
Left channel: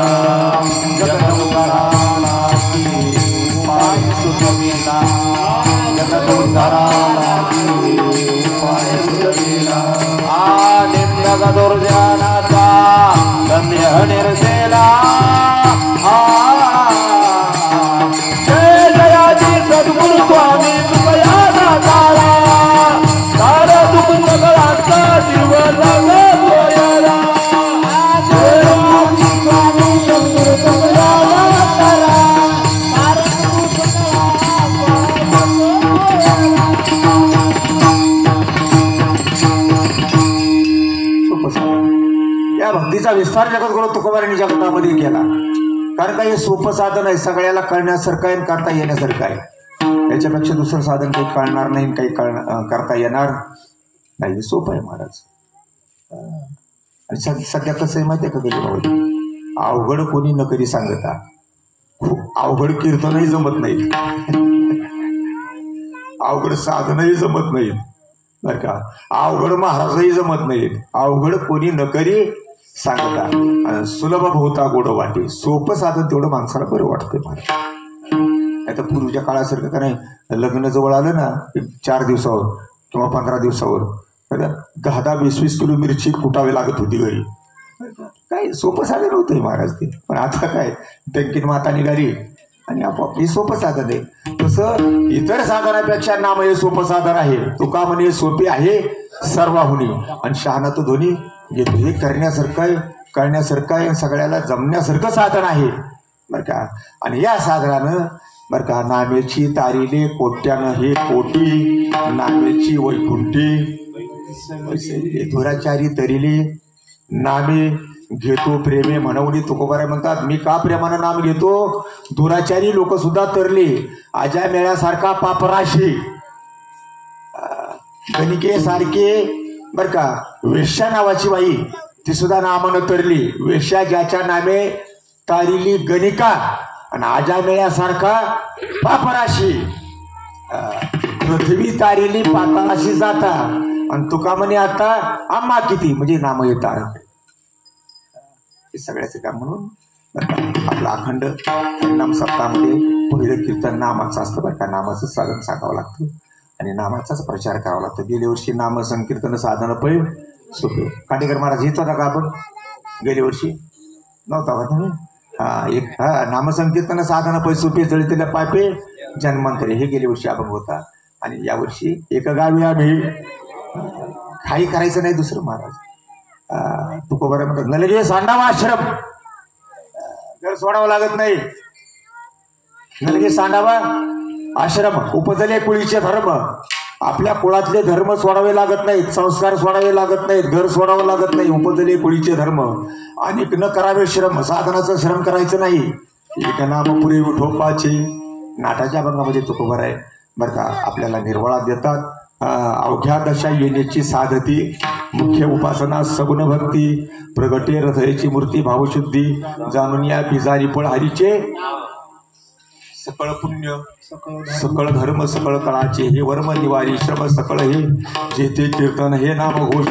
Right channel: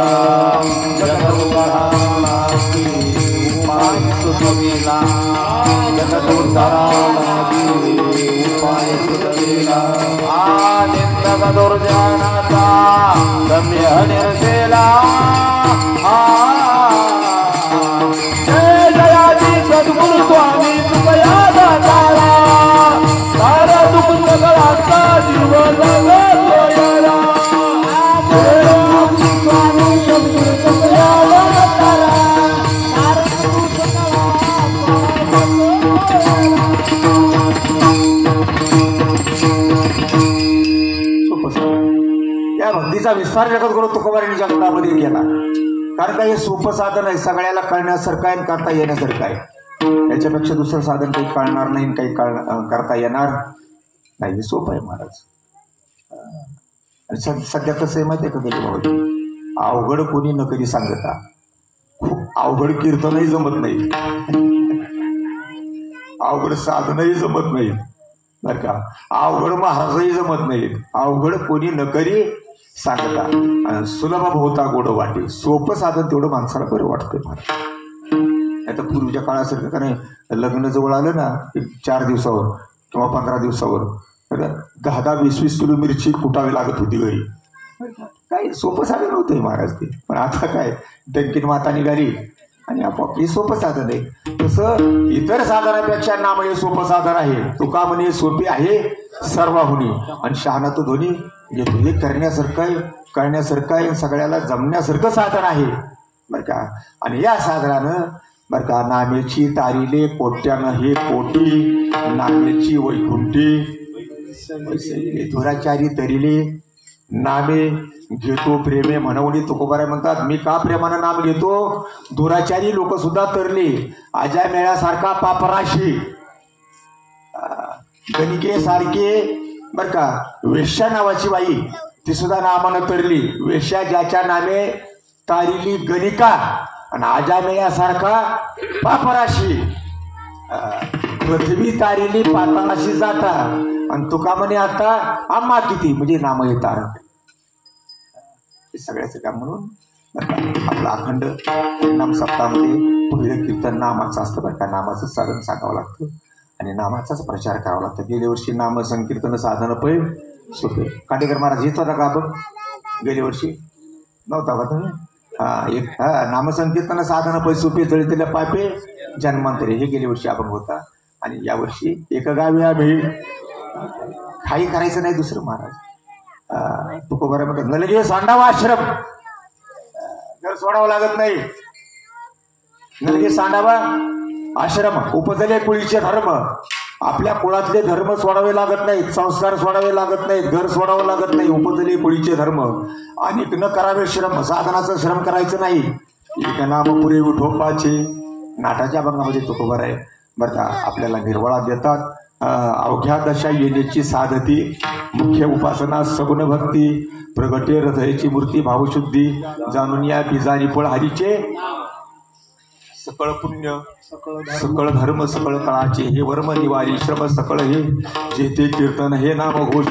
दुर्जनाचा धन्य निर्देला कारण का हे सोपं साधन आहे, सगळ्याला कळण्यासारखं आहे आणि करता येण्यासारखं आहे. याच्यापेक्षा दुसरं साधन काही कळणार नाही, काही करता येणार नाही. हे सोपं आहे महाराज. आणि सध्या कसं आहे माहिती आहे का गेली, अवघड कोणी न कधी सांगता, खूप अवघड कीर्तनही जमत नाही, अवघड साधनही जमत नाही बरं का, अवघड महाराजही जमत नाहीत, अवघड कोणी न करी सांगता. सुलभ होता गोड वाटे, सोपं साधन तेवढं माणसाला बरं वाटतंय महाराज. आता पूर्वीच्या काळासारखं का नाही, लग्न जवळ आलं ना 4 दिवसावर किंवा 15 दिवसावर 10-10, 20-20 किलो मिरची कुटावी लागत होती घरी. काही सोपं साधन होतंय महाराज ते. पण आता काय डंकीन माता निघाली आणि आपोआप हे सोपं साधन आहे. तसं इतर साधनापेक्षा नाम हे सोपं साधन आहे. तुका म्हणे सोपे आहे सर्वाहुनी आणि शहाणा तो दोन्ही येतो. हे करण्यासारखं आहे, कळण्यासारखं आहे, सगळ्याला जमण्यासारखं साधन आहे बरं का. आणि या साधनानं बरं का नामेची तारिले कोट्यानं हे कोटी, नामेची वैकुंठी दुराचारी तरिले नामे घेतो प्रेमे म्हणवणी. तुकोबाराय म्हणतात, मी का प्रेमानं नाम घेतो, दुराचारी लोक सुद्धा तरले, आजा मेळ्यासारखा पापराशी, गणिके सारखे बर का, वेश्या नावाची बाई ती सुद्धा नामानं तरली. वेश्या ज्याच्या नामे तारिली गणिका आणि आजा मेळ्यासारखा पापराशी, पृथ्वी तारिली पाताळाशी जाता आणि तुका म्हणे आता आम्हा किती म्हणजे नाम येतात. हे सगळ्याचं काम म्हणून आपला अखंड नाम सप्ताहामध्ये पहिलं कीर्तन नामाचं असतं बरं का. नामाचं साधन सांगावं लागतं आणि नामाचाच प्रचार करावा लागतो. गेल्या वर्षी नाम संकीर्तन साधन पैल सोपे. काटेकर महाराज येत होता का आपण गेल्या वर्षी? नव्हता का तुम्ही? एक नामसंकीर्तन साधन पैल सोपे जळतेल्या पापे जन्मांतरे हे गेल्या वर्षी आपण होता. आणि यावर्षी एक गावी आम्ही काही करायचं नाही दुसरं महाराज. तुकोबाराय म्हणतात, नलगे सांडावा आश्रम, घर सोडावं लागत नाही. नलगे सांडावा आश्रम, उपजले कुळीचे धर्म, आपल्या कुळातले धर्म सोडावे लागत नाहीत, संस्कार सोडावे लागत नाहीत, घर सोडावं लागत नाही. उपजले कुळीचे धर्म आणि न करावे श्रम, साधनाचं श्रम करायचं नाही. एक नाम पुरे विठोबाचे नाटाच्या भंगामध्ये तुकोबाराय बरं का आपल्याला निर्वाळा देतात. अवघ्या दशा येण्याची साधती, मुख्य उपासना सगुण भक्ती, प्रगटे हृदयाची मूर्ती भावशुद्धी, जाणून या बीजारी फळ हरीचे सकळ पुण्य सकळ धर्म सकळ कळाचे, हे वर्म निवारी श्रम सकळ हे जेथे कीर्तन हे नाम घोष,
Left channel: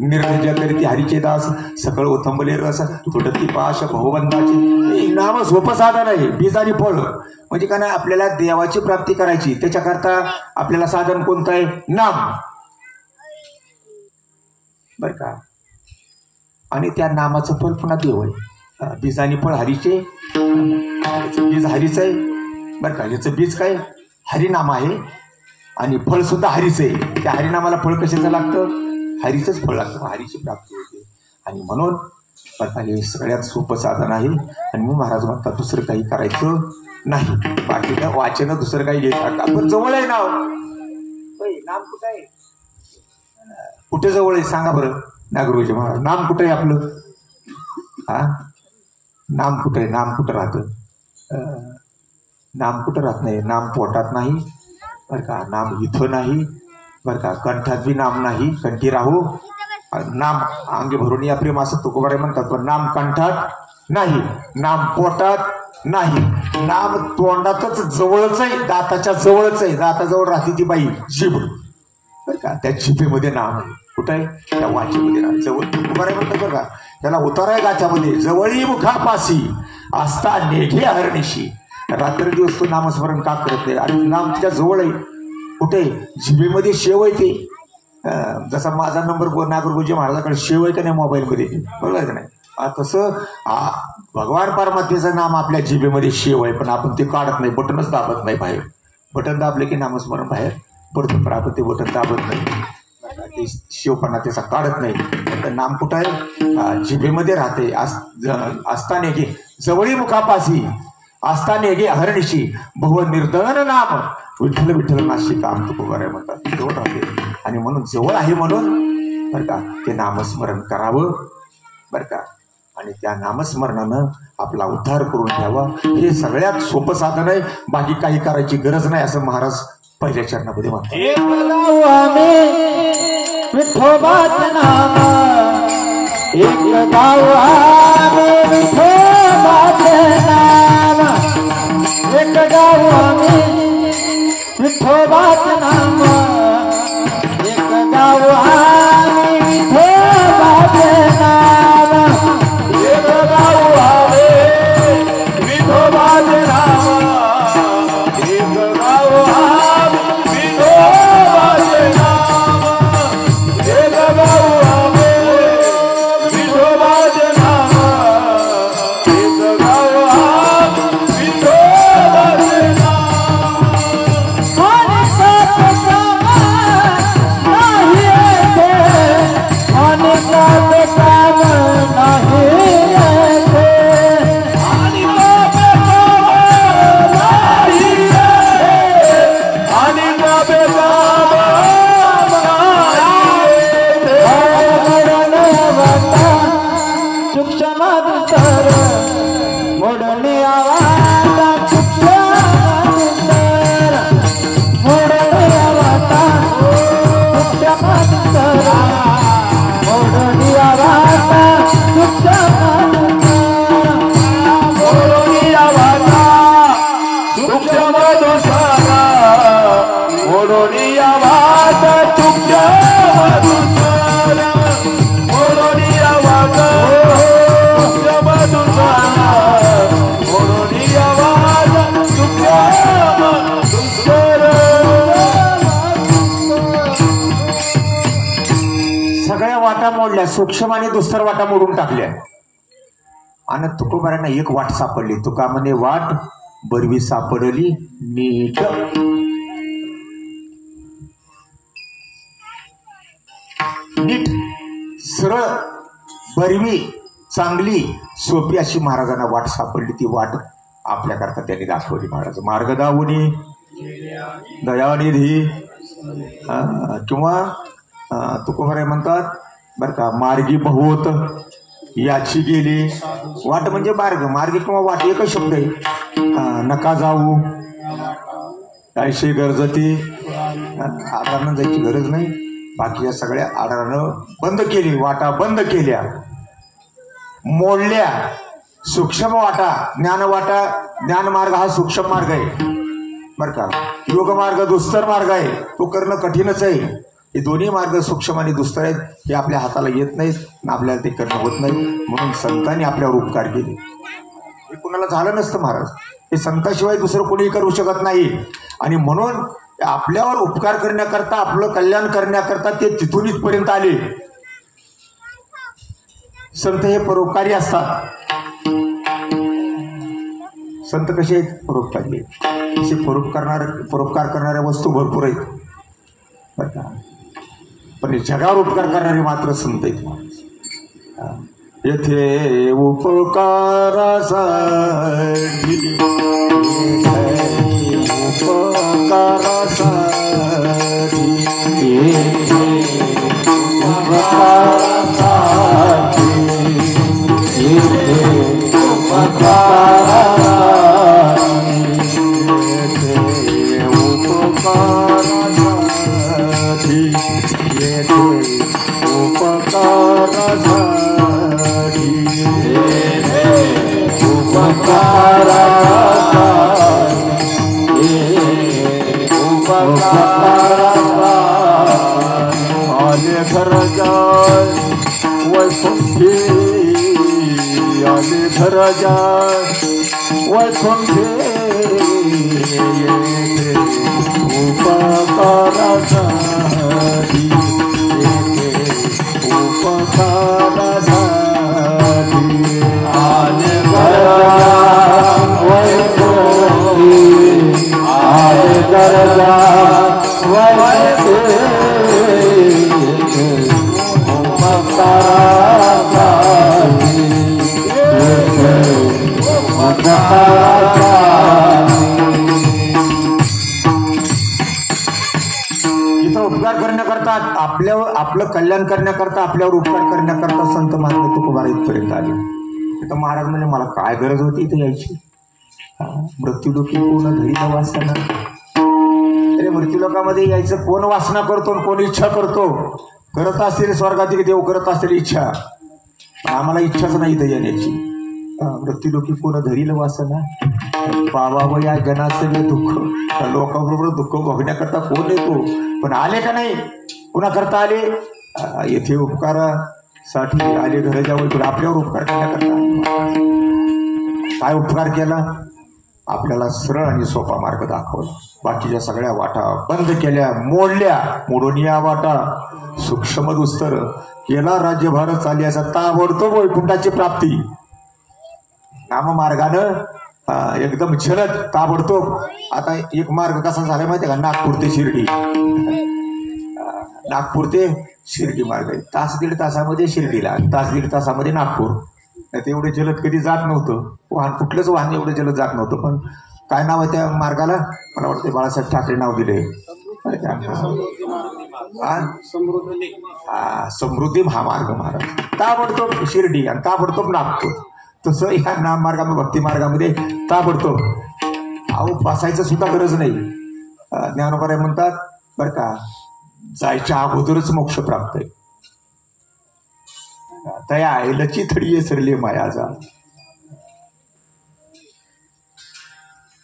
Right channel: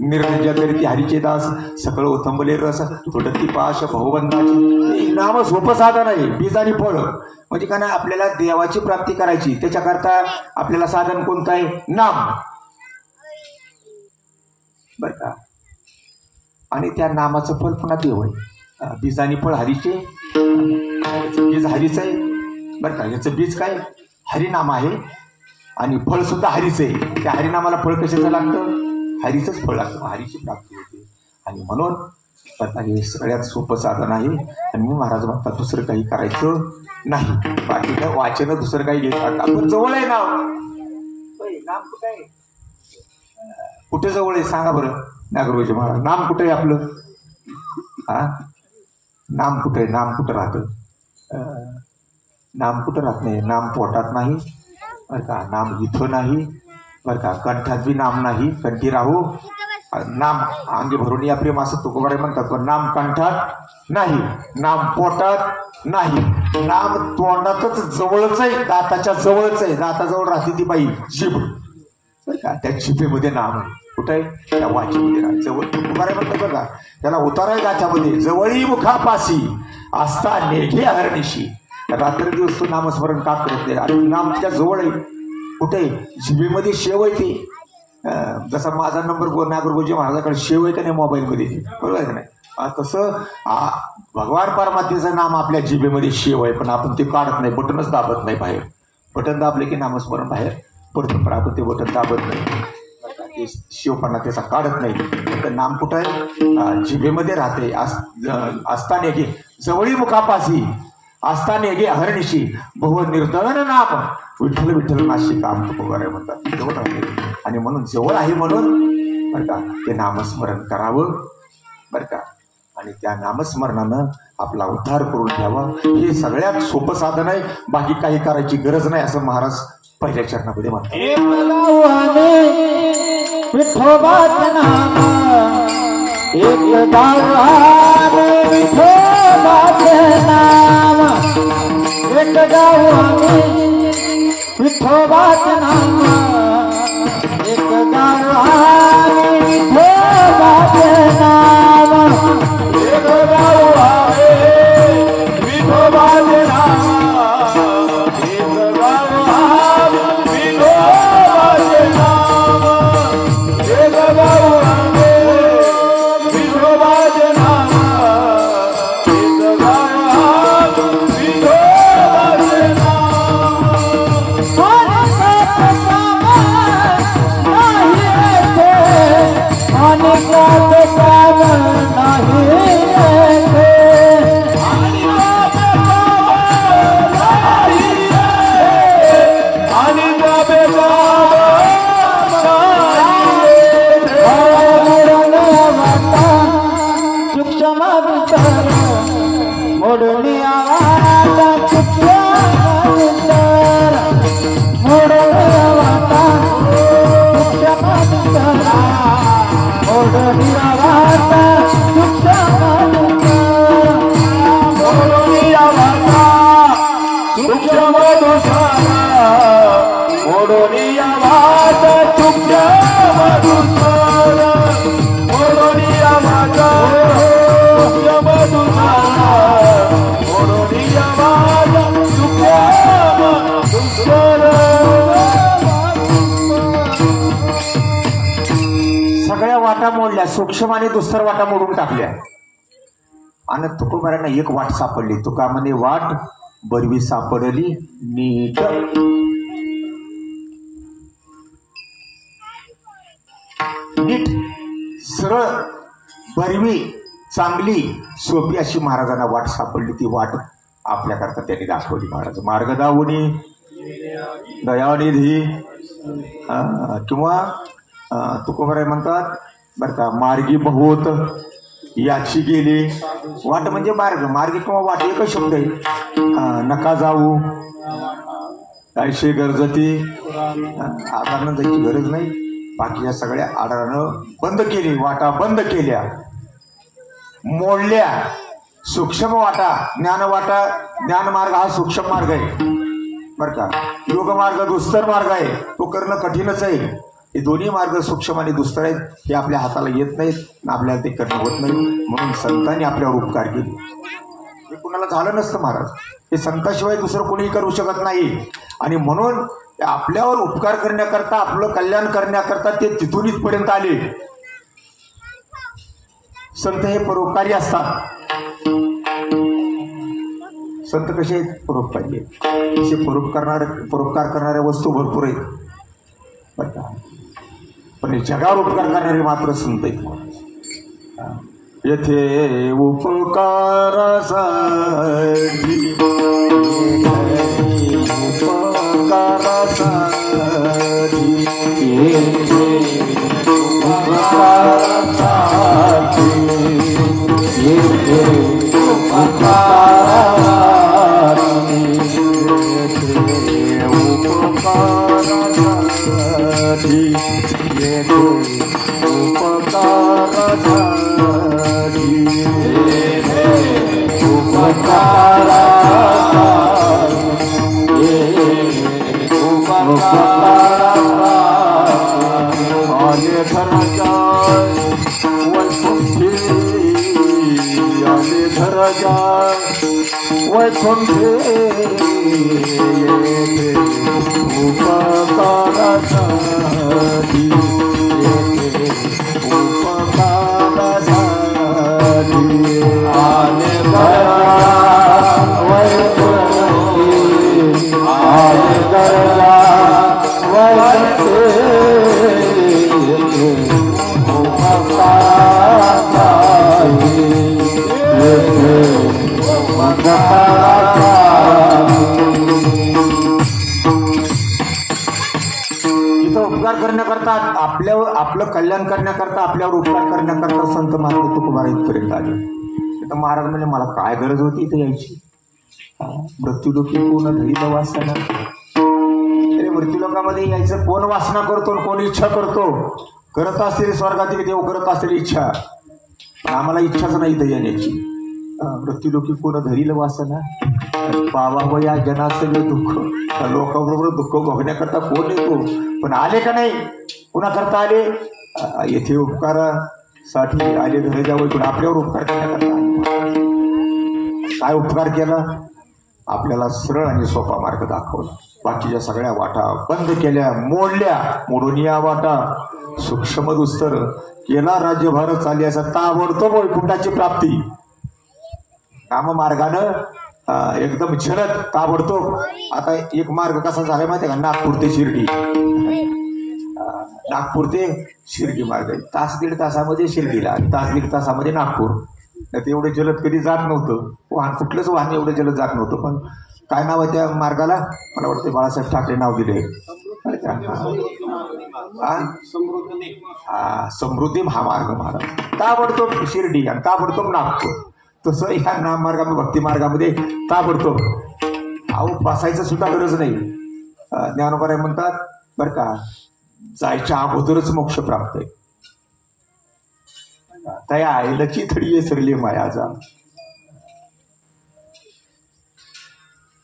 निर्णय करीती हरीचे दास, सकळ उथंबले रस तुटती पाश भगवंताचे. नाम सोपं साधन आहे. बीज आणि फळ म्हणजे का नाही, आपल्याला देवाची प्राप्ती करायची, त्याच्याकरता आपल्याला साधन कोणतं आहे? नाम बर का. आणि त्या नामाचं फळ पुन्हा देव आहे. बीज आणि फळ हरीचे, बीज हरीच आहे बरं का. याचं बीज काय? हरिनाम आहे आणि फळ सुद्धा हरीच आहे. त्या हरिनामाला फळ कशाचं लागतं? हरीचंच फळ लागतं, हरीची प्राप्ती होते. आणि म्हणून बरं हे सगळ्यात सोपं साधन आहे. आणि मग महाराज म्हणतात दुसरं काही करायचं नाही, बाकीचं वाचन दुसरं काही घेतात. आपण जवळ आहे नाव, नाम कुठं आहे? कुठे जवळ आहे सांगा बरं नागरोजी महाराज. नाम कुठं आहे आपलं? नाम कुठं आहे? नाम कुठं राहतं? नाम कुठं राहत नाही. नाम पोटात नाही बरं का, नाम इथं नाही बरं का, कंठात बी नाम नाही. कंठी राहू नाम अंगी भरून या प्रेम असं तुकोबाराय म्हणतात. पण नाम कंठात नाही, नाम पोटात नाही, नाम तोंडातच जवळच आहे, दाताच्या जवळच आहे. दाताजवळ राहते ती बाई जीभ बरं का, त्या जिभेमध्ये नाम आहे. कुठं आहे? त्या वाचेमध्ये नाम जवळ. तुकोबाराय म्हणतात बरं का, त्याला उतार आहे गाच्यामध्ये, जवळी मुखापासी असता नेघे हरणीशी. रात्र दिवस तो नामस्मरण का करत नाही? आणि नाम तिच्या जवळ आहे. कुठे? जिभेमध्ये शेव आहे ते. जसा माझा नंबर नागरगोजी महाराजाकडे शेव आहे का नाही मोबाईलमध्ये, बरोबर आहे का नाही? तसं भगवान परमात्म्याचं नाम आपल्या जिभेमध्ये शेव आहे, पण आपण ते काढत नाही, बटनच दाबत नाही बाहेर. बटन दाबले की नामस्मरण बाहेर पडतं, पण आपण ते बटन दाबत नाही. ते शिवपणा त्याचा काढत नाही. तर नाम कुठं आहे? जिभेमध्ये राहते. असताने की जवळी मुखापासी असताने गे हरणीशी बहु निर्दळन नाम विठ्ठल विठ्ठल नाशी काम तुकोबाराय म्हणतात. जवळ राहते आणि म्हणून जवळ आहे म्हणून बरं का ते नामस्मरण करावं बरं का. आणि त्या नामस्मरणानं आपला उद्धार करून घ्यावा. हे सगळ्यात सोपं साधन आहे. बाकी काही करायची गरज नाही असं महाराज पहिल्या चरणामध्ये म्हणतात. विठोबाचं नाम एक गाव आम्ही विठोबाचं नाम एक गाव आम्ही विठोबाचं नाम एक गाव आम्ही विठोबाचं नाम एक गाव आम्ही विठोबाचं नाम एक गाव आम्ही विठोबाचं नाम एक गाव आम्ही विठोबाचं नाम एक गाव आम्ही विठोबाचं नाम सूक्ष्म आणि दुस्तर वाटा मोडून टाकल्या आणि तुकोबारांना एक वाट सापडली. तुका म्हणे वाट बरवी सापडली नीट. नीट सरळ बरवी चांगली सोपी अशी महाराजांना वाट सापडली. ती वाट आपल्याकरता त्यांनी दाखवली. महाराज मार्ग दावणी दयानिधी किंवा तुकोबाराय म्हणतात बर का मार्गी बहुत याची गेली. वाट म्हणजे मार्ग. मार्ग किंवा वाट एकच शब्द आहे. नका जाऊ कायशे गरजती आडानं जायची गरज नाही. बाकी या सगळ्या आडानं बंद केली. वाटा बंद केल्या मोडल्या. सूक्ष्म वाटा ज्ञानवाटा ज्ञानमार्ग हा सूक्ष्म मार्ग आहे बर का. योग मार्ग दुस्तर मार्ग आहे. तो करणं कठीणच आहे. हे दोन्ही मार्ग सूक्ष्म आणि दुस्तर आहेत. हे आपल्या हाताला येत नाहीत आपल्याला ते करणं होत नाही. म्हणून संतांनी आपल्यावर उपकार केले. हे कुणाला झालं नसतं महाराज. हे संताशिवाय दुसरं कोणी करू शकत नाही. आणि म्हणून आपल्यावर उपकार करण्याकरता आपलं कल्याण करण्याकरता ते तिथून इथपर्यंत आले. संत हे परोपकारी असतात. संत कसे आहेत? परोपकारी आहेत. असे परोपकार करणाऱ्या वस्तू भरपूर आहेत बर का. पण जगावर उपकार करणारे मात्र संत आहेत. येथे उपकारासाठी आपलं कल्याण करण्याकरता आपल्यावर उपकार करण्याकरता संत महात्मा तुकोबार इथपर्यंत आले. तर महाराज म्हणजे मला काय गरज होती इथे यायची. मृत्यू लोकी पूर्ण धरी वासना. अरे मृत्यू लोकामध्ये यायचं कोण वासना करतो, कोण इच्छा करतो. करत असलेले स्वर्गातील देव करत असलेली इच्छा, आम्हाला इच्छाच नाही इथं येण्याची. मृत्यू लोकी पूर्ण धरील वासना. पावावं या जनाचं दुःख. लोकांबरोबर दुःख बघण्याकरता कोण येतो, पण आले का नाही. कोणा करता आले. येथे उपकारासाठी आले. घर जावं तर आपल्यावर उपकार करण्याकरता. काय उपकार केला. आपल्याला सरळ आणि सोपा मार्ग दाखवला. बाकीच्या सगळ्या वाटा बंद केल्या, मोडल्या. मोडून या वाटा सूक्ष्म दुस्तर केला. राज्यभार चालल्याचा ताबडतोब वैकुंठाची प्राप्ती. नाममार्गानं एकदम झलद ताबडतोब. आता एक मार्ग कसा झालाय माहिती आहे का. नागपूर ते शिर्डी. नागपूर ते शिर्डी मार्ग आहे. तास दीड तासामध्ये शिर्डीला, तास दीड तासामध्ये नागपूर. नाही एवढे जलद कधी जात नव्हतं. वाहन कुठलंच वाहन एवढं जलद जात नव्हतं. पण काय नाव आहे त्या मार्गाला. मला वाटतं बाळासाहेब ठाकरे नाव दिले. समृद्धी महामार्ग महाराज. ताबडतोब शिर्डी आणि ताबडतोब नागपूर. तसं या नाम मार्गामध्ये भक्ती मार्गामध्ये ताबडतोब. अहो बसायचं सुद्धा गरज नाही. ज्ञानोबा म्हणतात बरं का, जायच्या अगोदरच मोक्ष प्राप्त आहे. तया आईलची थडी सरली मायाचा.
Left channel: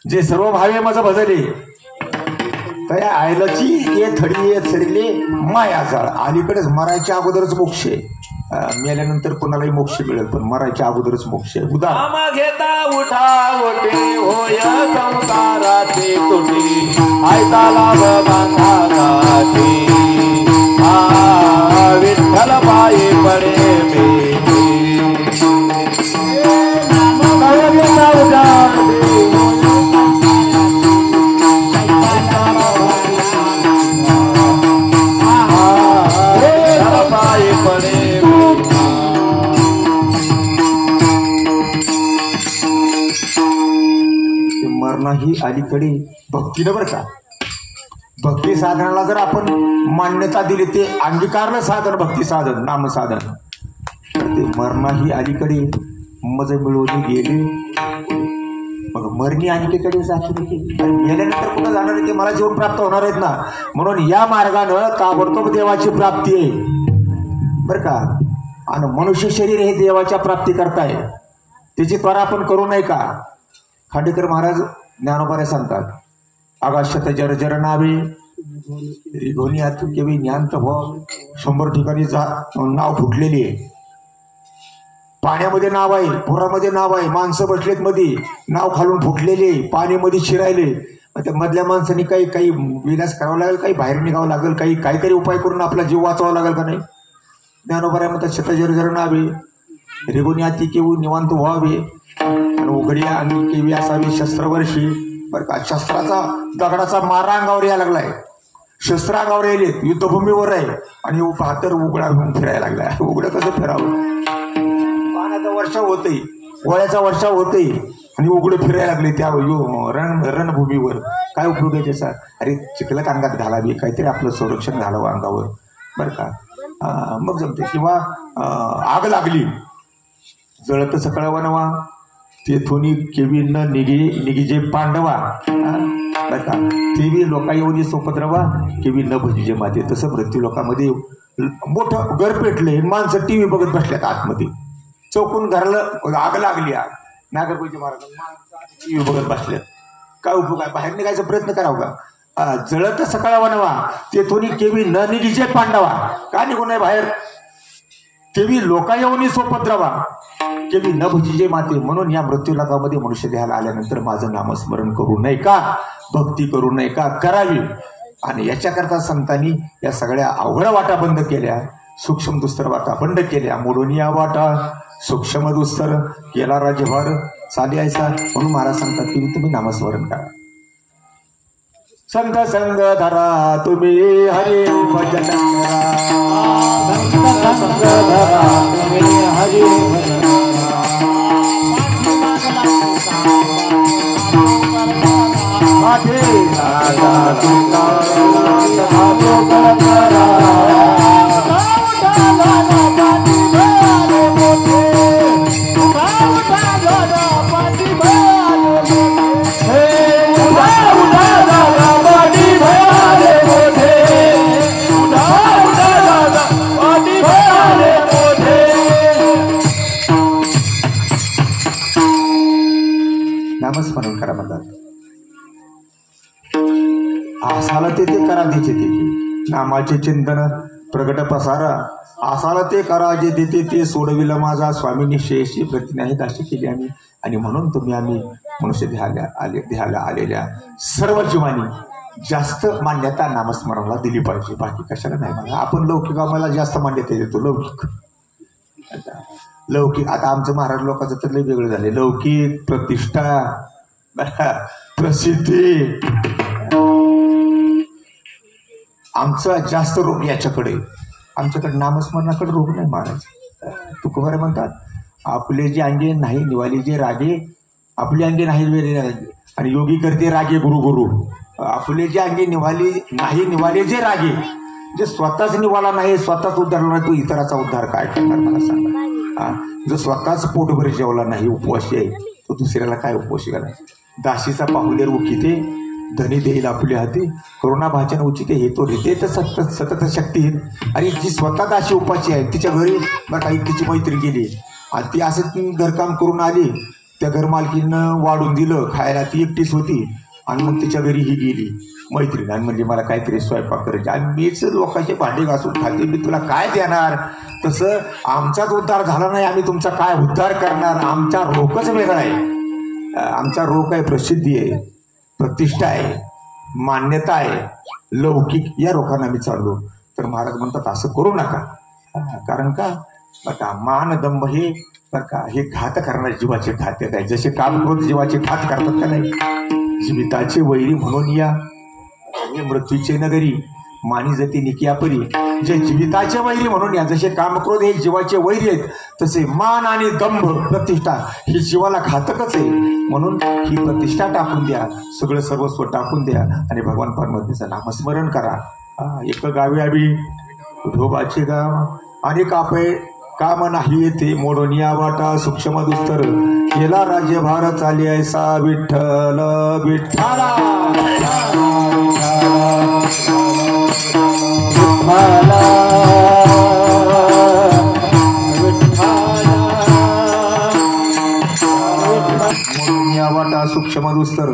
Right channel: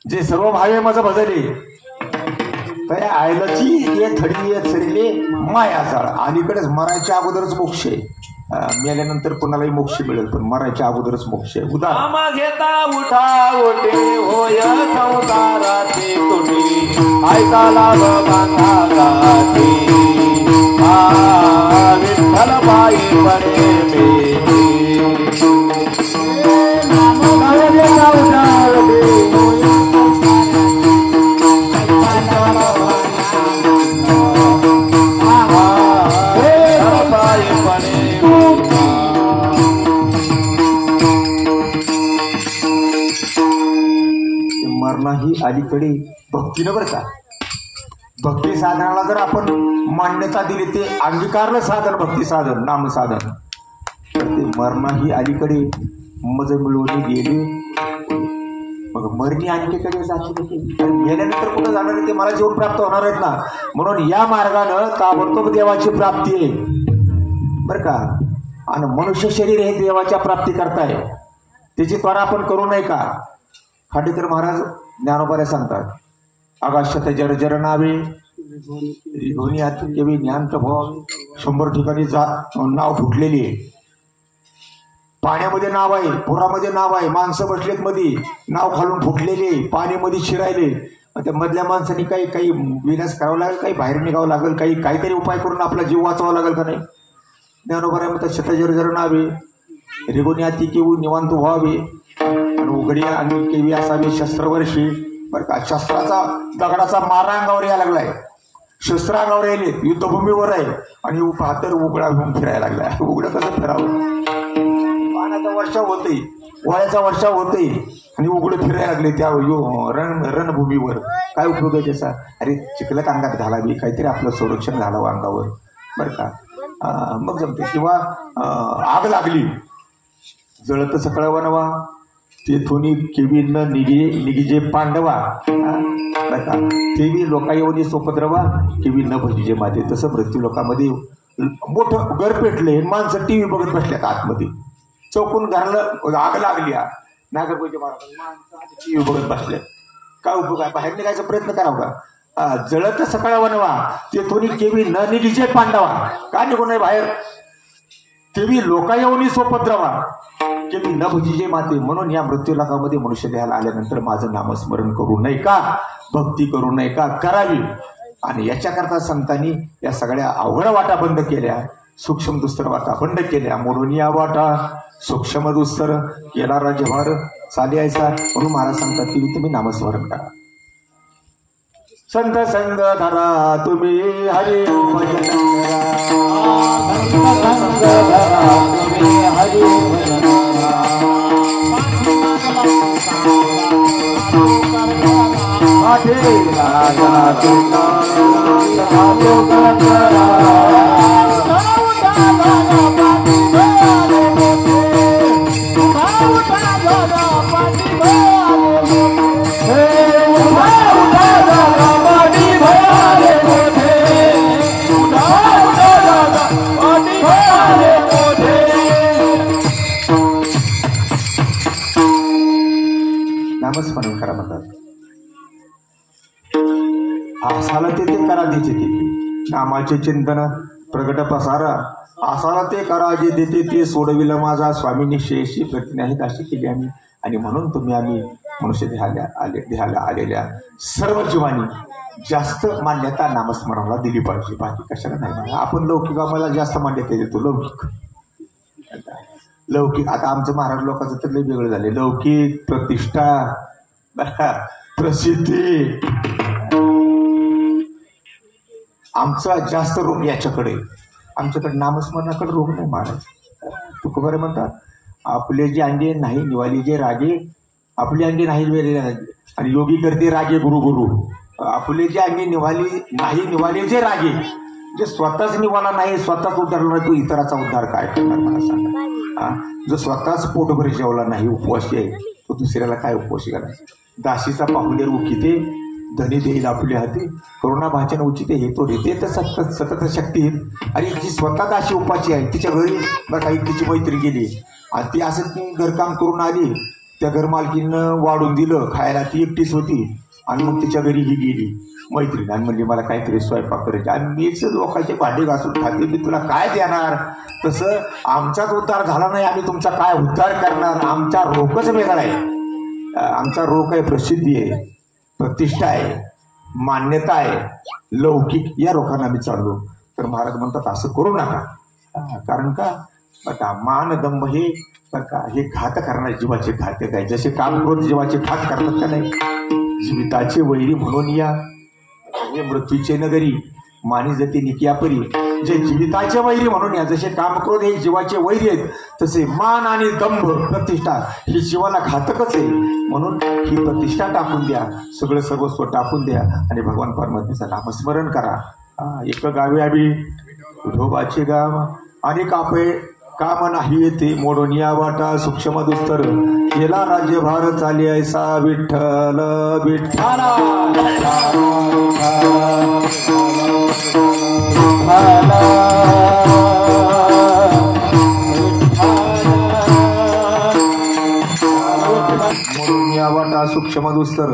जे सर्व भावे माझं भजले, तया आईलची ये थडी सरले मायाचा. अलीकडेच मरायच्या अगोदरच मोक्ष आहे. मेल्यानंतर कोणालाही मोक्ष मिळेल, पण मरायच्या अगोदरच मोक्ष आहे. उदाहरण घेता उठा ओटे होय संसाराचे कोटी. आयता लाभ माता विठ्ठल पाये पडे ही अलीकडे भक्तीनं बरं का. भक्ती साधनाला जर आपण मान्यता दिली, ते अंगीकारलं साधन, भक्ती साधन, नाम साधन, तर ते मरणा ही अलीकडे मज मिळवली गेली. मग मरणी अलीकडे जाते. गेल्यानंतर कुठं जाणार आहे ते मला जीवन प्राप्त होणार आहेत ना. म्हणून या मार्गानं ताबडतोब देवाची प्राप्ती आहे बरं का. आणि मनुष्य शरीर हे देवाच्या प्राप्ती करताय. त्याची त्वरा आपण करू नये का. खांडेकर महाराज ज्ञानोबाला सांगतात, आकाशात जर जर नावे रिघोनी आतून केवी ज्ञानत भाव. 100 ठिकाणी नाव फुटलेली आहे. पाण्यामध्ये नाव आहे, पुरामध्ये नाव आहे, माणसं बसलेत मध्ये, नाव खालून फुटलेले, पाण्यामध्ये शिरायले. त्या मधल्या माणसांनी काही विनाश करावं लागेल, काही बाहेर निघावं लागेल, काहीतरी उपाय करून आपला जीव वाचवावा लागेल का नाही. ज्ञानोबा म्हणतात शतजर जर नावे रिघोनी आती केवू निवांत व्हावे. उघड्या आणि केवी असावी शस्त्रवर्षी बरं का. शस्त्राचा दगडाचा मारा अंगावर यायला लागलाय. शस्त्र अंगावर यायले, युद्धभूमीवर आहे आणि पातर उघडा घेऊन फिरायला लागलाय. उघडं कसं फिरावं. पाण्याचा वर्षाव होते, वयाचा वर्षाव होते आणि उघडं फिरायला लागले त्या रणभूमीवर. काय उपयोग आहे त्याचा. अरे चिखलात अंगात घालावी, काहीतरी आपलं संरक्षण घालावं अंगावर बरं का. मग जमते. किंवा आग लागली, जळत सकळा बनवा, तेथून केवी न निघिजे पांडवा बरं का. तेवी लोका येऊन सोपद्रवा केवी न भजिजे माते. तसं मृत्यू लोकांमध्ये मोठं घर पेटले, माणसं टीव्ही बघत बसल्यात आतमध्ये. चौकून घरलं आग लागली, नागपूरच्या महाराज माणसं टीव्ही बघत बसल्यात. काय उपयोग आहे. बाहेर निघायचा प्रयत्न करावा का. जळत सकाळ बनवा, तेथून केवी न निघिजे पांडवा. का निघू नये बाहेर. तेवी लोका येऊन सोपद्रवा केवी न भजिजे माते. म्हणून या मृत्यू लोकामध्ये मनुष्य देहाला आल्यानंतर माझं नामस्मरण करू नये का, भक्ती करू नये का, करावी. आणि याच्याकरता संतांनी या सगळ्या अवघड वाटा बंद केल्या, सूक्ष्म दुस्तर वाटा बंद केल्या. मोडून या वाटा सूक्ष्म दुस्तर केला राज्यभार चालायचा. म्हणून महाराज सांगतात की तुम्ही नामस्मरण करा. संत संग धरा तुम्ही हरी भजन करा. संत धरा तुम्ही हरी भजन करा. माझे राजा तुला करा. नामस्मरण करा म्हणतात. आसाला ते करा देते ते नामाचे चिंतन प्रगट पसारा. आसाला ते करा जे देते ते सोडविलं माझा स्वामींनी शेषी प्रति नाहीत अशी केली आम्ही. आणि म्हणून तुम्ही आम्ही मनुष्य देहाला आलेल्या सर्व जीवांनी जास्त मान्यता नामस्मरणाला दिली पाहिजे. बाकी कशाला नाही म्हणा. आपण लौकिक आम्हाला जास्त मान्यता देतो. लौकिक आता आमचं महाराज लोकांचं तर लय वेगळं झाले. लौकिक प्रतिष्ठा प्रसिद्धी आमचा जास्त रोग याच्याकडे. आमच्याकडे नामस्मरणाकडे रोग नाही महाराज. तुकोबारे म्हणतात आपले जे अंगे नाही निवाली जे रागे आपले अंगे नाही रागे आणि योगी करते रागे गुरु गुरु. आपले जे अंगे निवाले जे रागे जे स्वतःच निवाला नाही स्वतःच उद्धारला नाही तो इतराचा उद्धार काय करणार मला सांगा. जो स्वतःच पोटभर जेवला नाही उपवासी आहे तो दुसऱ्याला काय उपवासी करणार. दासीचा पाहुलेर उकिते धनी देईल आपले हाती करुणा भाचन उचिते हे तो देते तर सतत शक्ती. आणि जी स्वतः दासी उपाशी आहे तिच्या घरी बरं काही तिची मैत्री गेली आणि ती असं घरकाम करून आली. त्या घरमालकीनं वाढून दिलं खायला ती एकटीच होती आणि मग तिच्या घरी ही गेली मैत्रीण आणि म्हणजे मला काहीतरी स्वयंपाक करायचे आणि मीच लोकांचे भांडे घासून खाते मी तुला काय देणार. तसं आमचाच उद्धार झाला नाही आम्ही तुमचा काय उद्धार करणार. आमचा रोगच वेगळा आहे. आमचा रोग आहे प्रसिद्धी आहे प्रतिष्ठा आहे मान्यता आहे लौकिक या रोगांना आम्ही चाललो. तर महाराज म्हणतात असं करू नका. कारण का बघा मान दंभ हे बघा हे घात करणारे जीवाचे घात आहे. जसे कामक्रोध जीवाचे घात करतात का नाही. जीविताचे वैरी म्हणून या मृत्यूचे नगरी मानी जती निकियापरी. जे जीविताचे वैरी म्हणून या जसे कामक्रोध हे जीवाचे वैरी आहेत तसे मान आणि दंभ प्रतिष्ठा ही जीवाला घातकच आहे. म्हणून ही प्रतिष्ठा टाकून द्या सगळं सर्वस्व टाकून द्या आणि भगवान परमात्म्याचं नामस्मरण करा. एक गावी आम्ही उधोबाचे गाव आणि कापे काम नाही येते मोडून या वाटा सूक्ष्म दुस्तर केला राज्यभार चाली ऐसा विठ्ठल विठ्ठला. मोडून या वाटा सूक्ष्म दुस्तर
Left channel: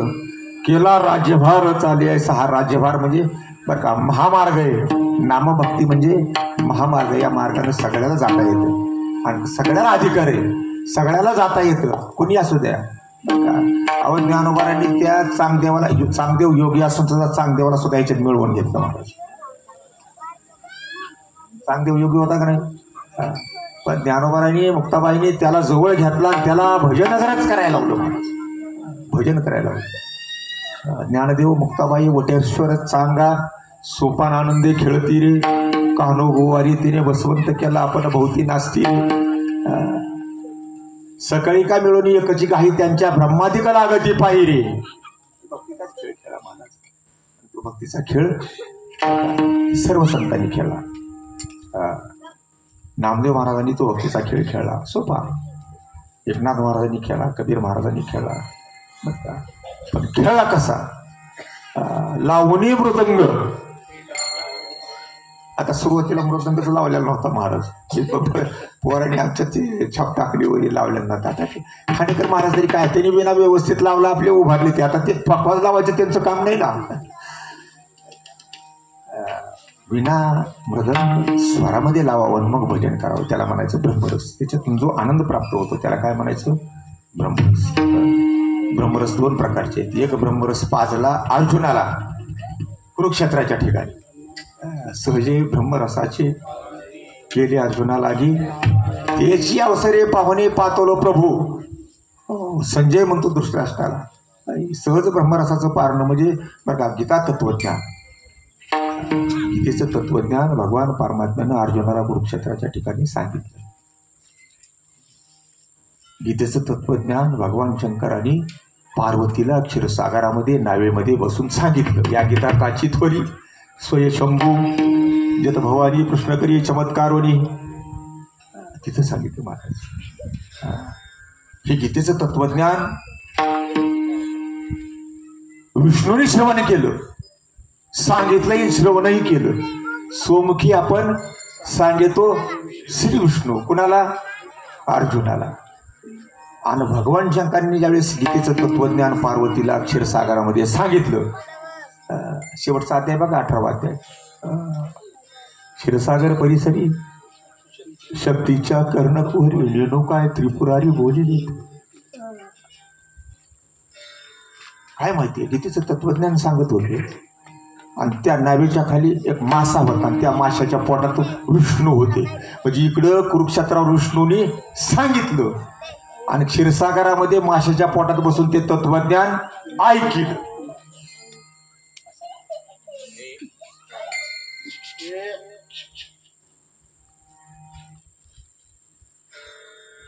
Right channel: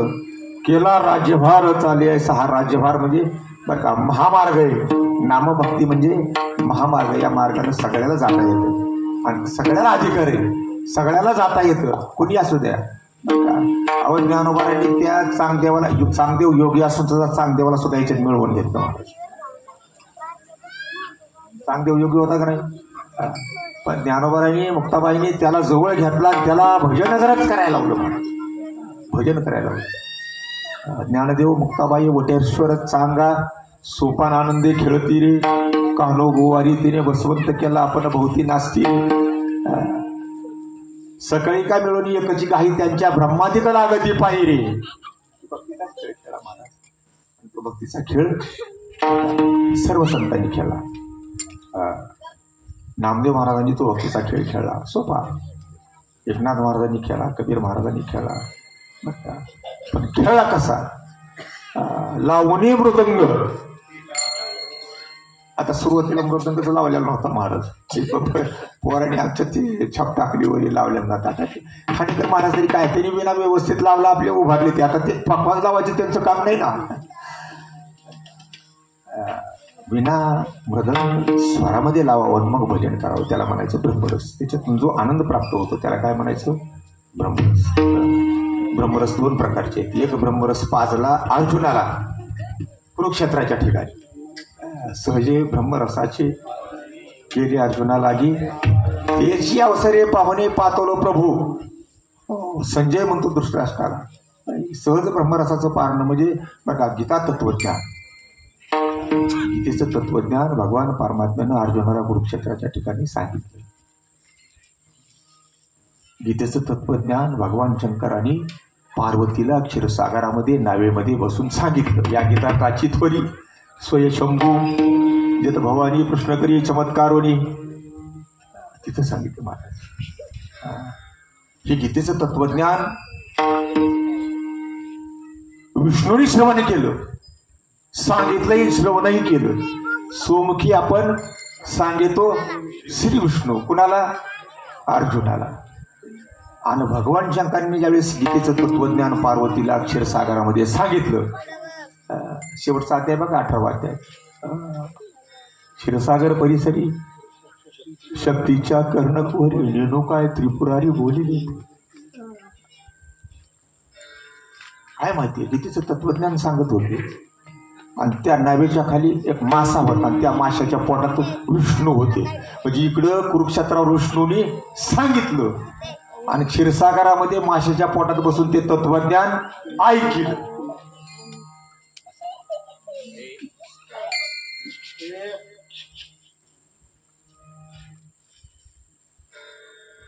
केला राज्यभार चाली ऐसा. हा राज्यभार म्हणजे बरं का महामार्ग आहे. नामभक्ती म्हणजे महामार्ग. या मार्गाने सगळ्याला जाता येतं आणि सगळ्याला अधिकार आहे. सगळ्याला जाता येतं कुणी असू द्या. अहो ज्ञानोबांनी त्या चांगदेव योगी असून सुद्धा चांगदेवाला सुद्धा याच्यात मिळवून घेतलं. चांगदेव योगी होता का नाही. पण ज्ञानोबांनी मुक्ताबाईंनी त्याला जवळ घेतला त्याला भजनच करायला लावलं. भजन करायला लावलं. ज्ञानदेव मुक्ताबाई वटेश्वर चांगा सोपान आनंदे खेळती रे कानो गोवारी तिने वसवंत केला आपण भोवती नाचती. सकाळी का मिळून एकची काही त्यांच्या ब्रह्मादिक लागती पाहिजे. भक्तीचा खेळ सर्व संतांनी खेळला. नामदेव महाराजांनी तो भक्तीचा खेळ खेळला सोपा. एकनाथ महाराजांनी खेळला कबीर महाराजांनी खेळला. पण खेळला कसा लावणी मृदंग. आता सुरुवातीला मृदंगच लावलेला नव्हता महाराज. पोरांनी आमच्या ते छाप टाकलीवर लावलेला नव्हता. आता खाणेकर महाराज तरी काय त्यांनी विना व्यवस्थित लावला आपले उभारले ते. आता ते पकवाज लावायचं त्यांचं काम नाही ना. विना मृदंग स्वरामध्ये लावावं मग भजन करावं त्याला म्हणायचं ब्रह्मरस. त्याच्यातून जो आनंद प्राप्त होतो त्याला काय म्हणायचं ब्रह्मरस. ब्रह्मरस दोन प्रकारचे आहेत. एक ब्रह्मरस पाजला अर्जुनाला कुरुक्षेत्राच्या ठिकाणी. सहजे ब्रह्मरसाचे केले अर्जुना लागी त्याची अवसरे पाहुणे पातवलो प्रभू. संजय म्हणतो धृतराष्ट्राला. सहज ब्रह्मरसाचं पारणं म्हणजे बघा गीता तत्वज्ञान. गीतेचं तत्वज्ञान भगवान परमात्म्यानं अर्जुनाला कुरुक्षेत्राच्या ठिकाणी सांगितलं. गीतेचं तत्वज्ञान भगवान शंकरांनी पार्वतीला क्षीरसागरामध्ये नावेमध्ये बसून सांगितलं. या गीताची थोरी स्वयशंभू जत भवानी प्रश्न करी चमत्कारोनी तिथं सांगितलं महाराज. हे गीतेचं तत्वज्ञान विष्णूने श्रवण केलं सांगितलंही श्रवणही केलं. स्वमुखी आपण सांगतो श्री विष्णू कुणाला अर्जुनाला. आणि भगवान शंकरांनी ज्यावेळेस गीतेचं तत्वज्ञान पार्वतीला क्षीरसागरामध्ये सांगितलं, शेवटचा अध्याय बघा 18वा अध्याय, क्षीरसागर परिसरी शक्तीच्या कर्णकुहरी रेणुकाय त्रिपुरारी बोलिली. काय माहितीये, गीतेचं तत्वज्ञान सांगत होते आणि त्या नावेच्या खाली एक मासा होता आणि त्या माशाच्या पोटात विष्णू होते. म्हणजे इकडं कुरुक्षेत्रावर विष्णूने सांगितलं आणि क्षीरसागरामध्ये माशाच्या पोटात बसून ते तत्वज्ञान ऐकलं.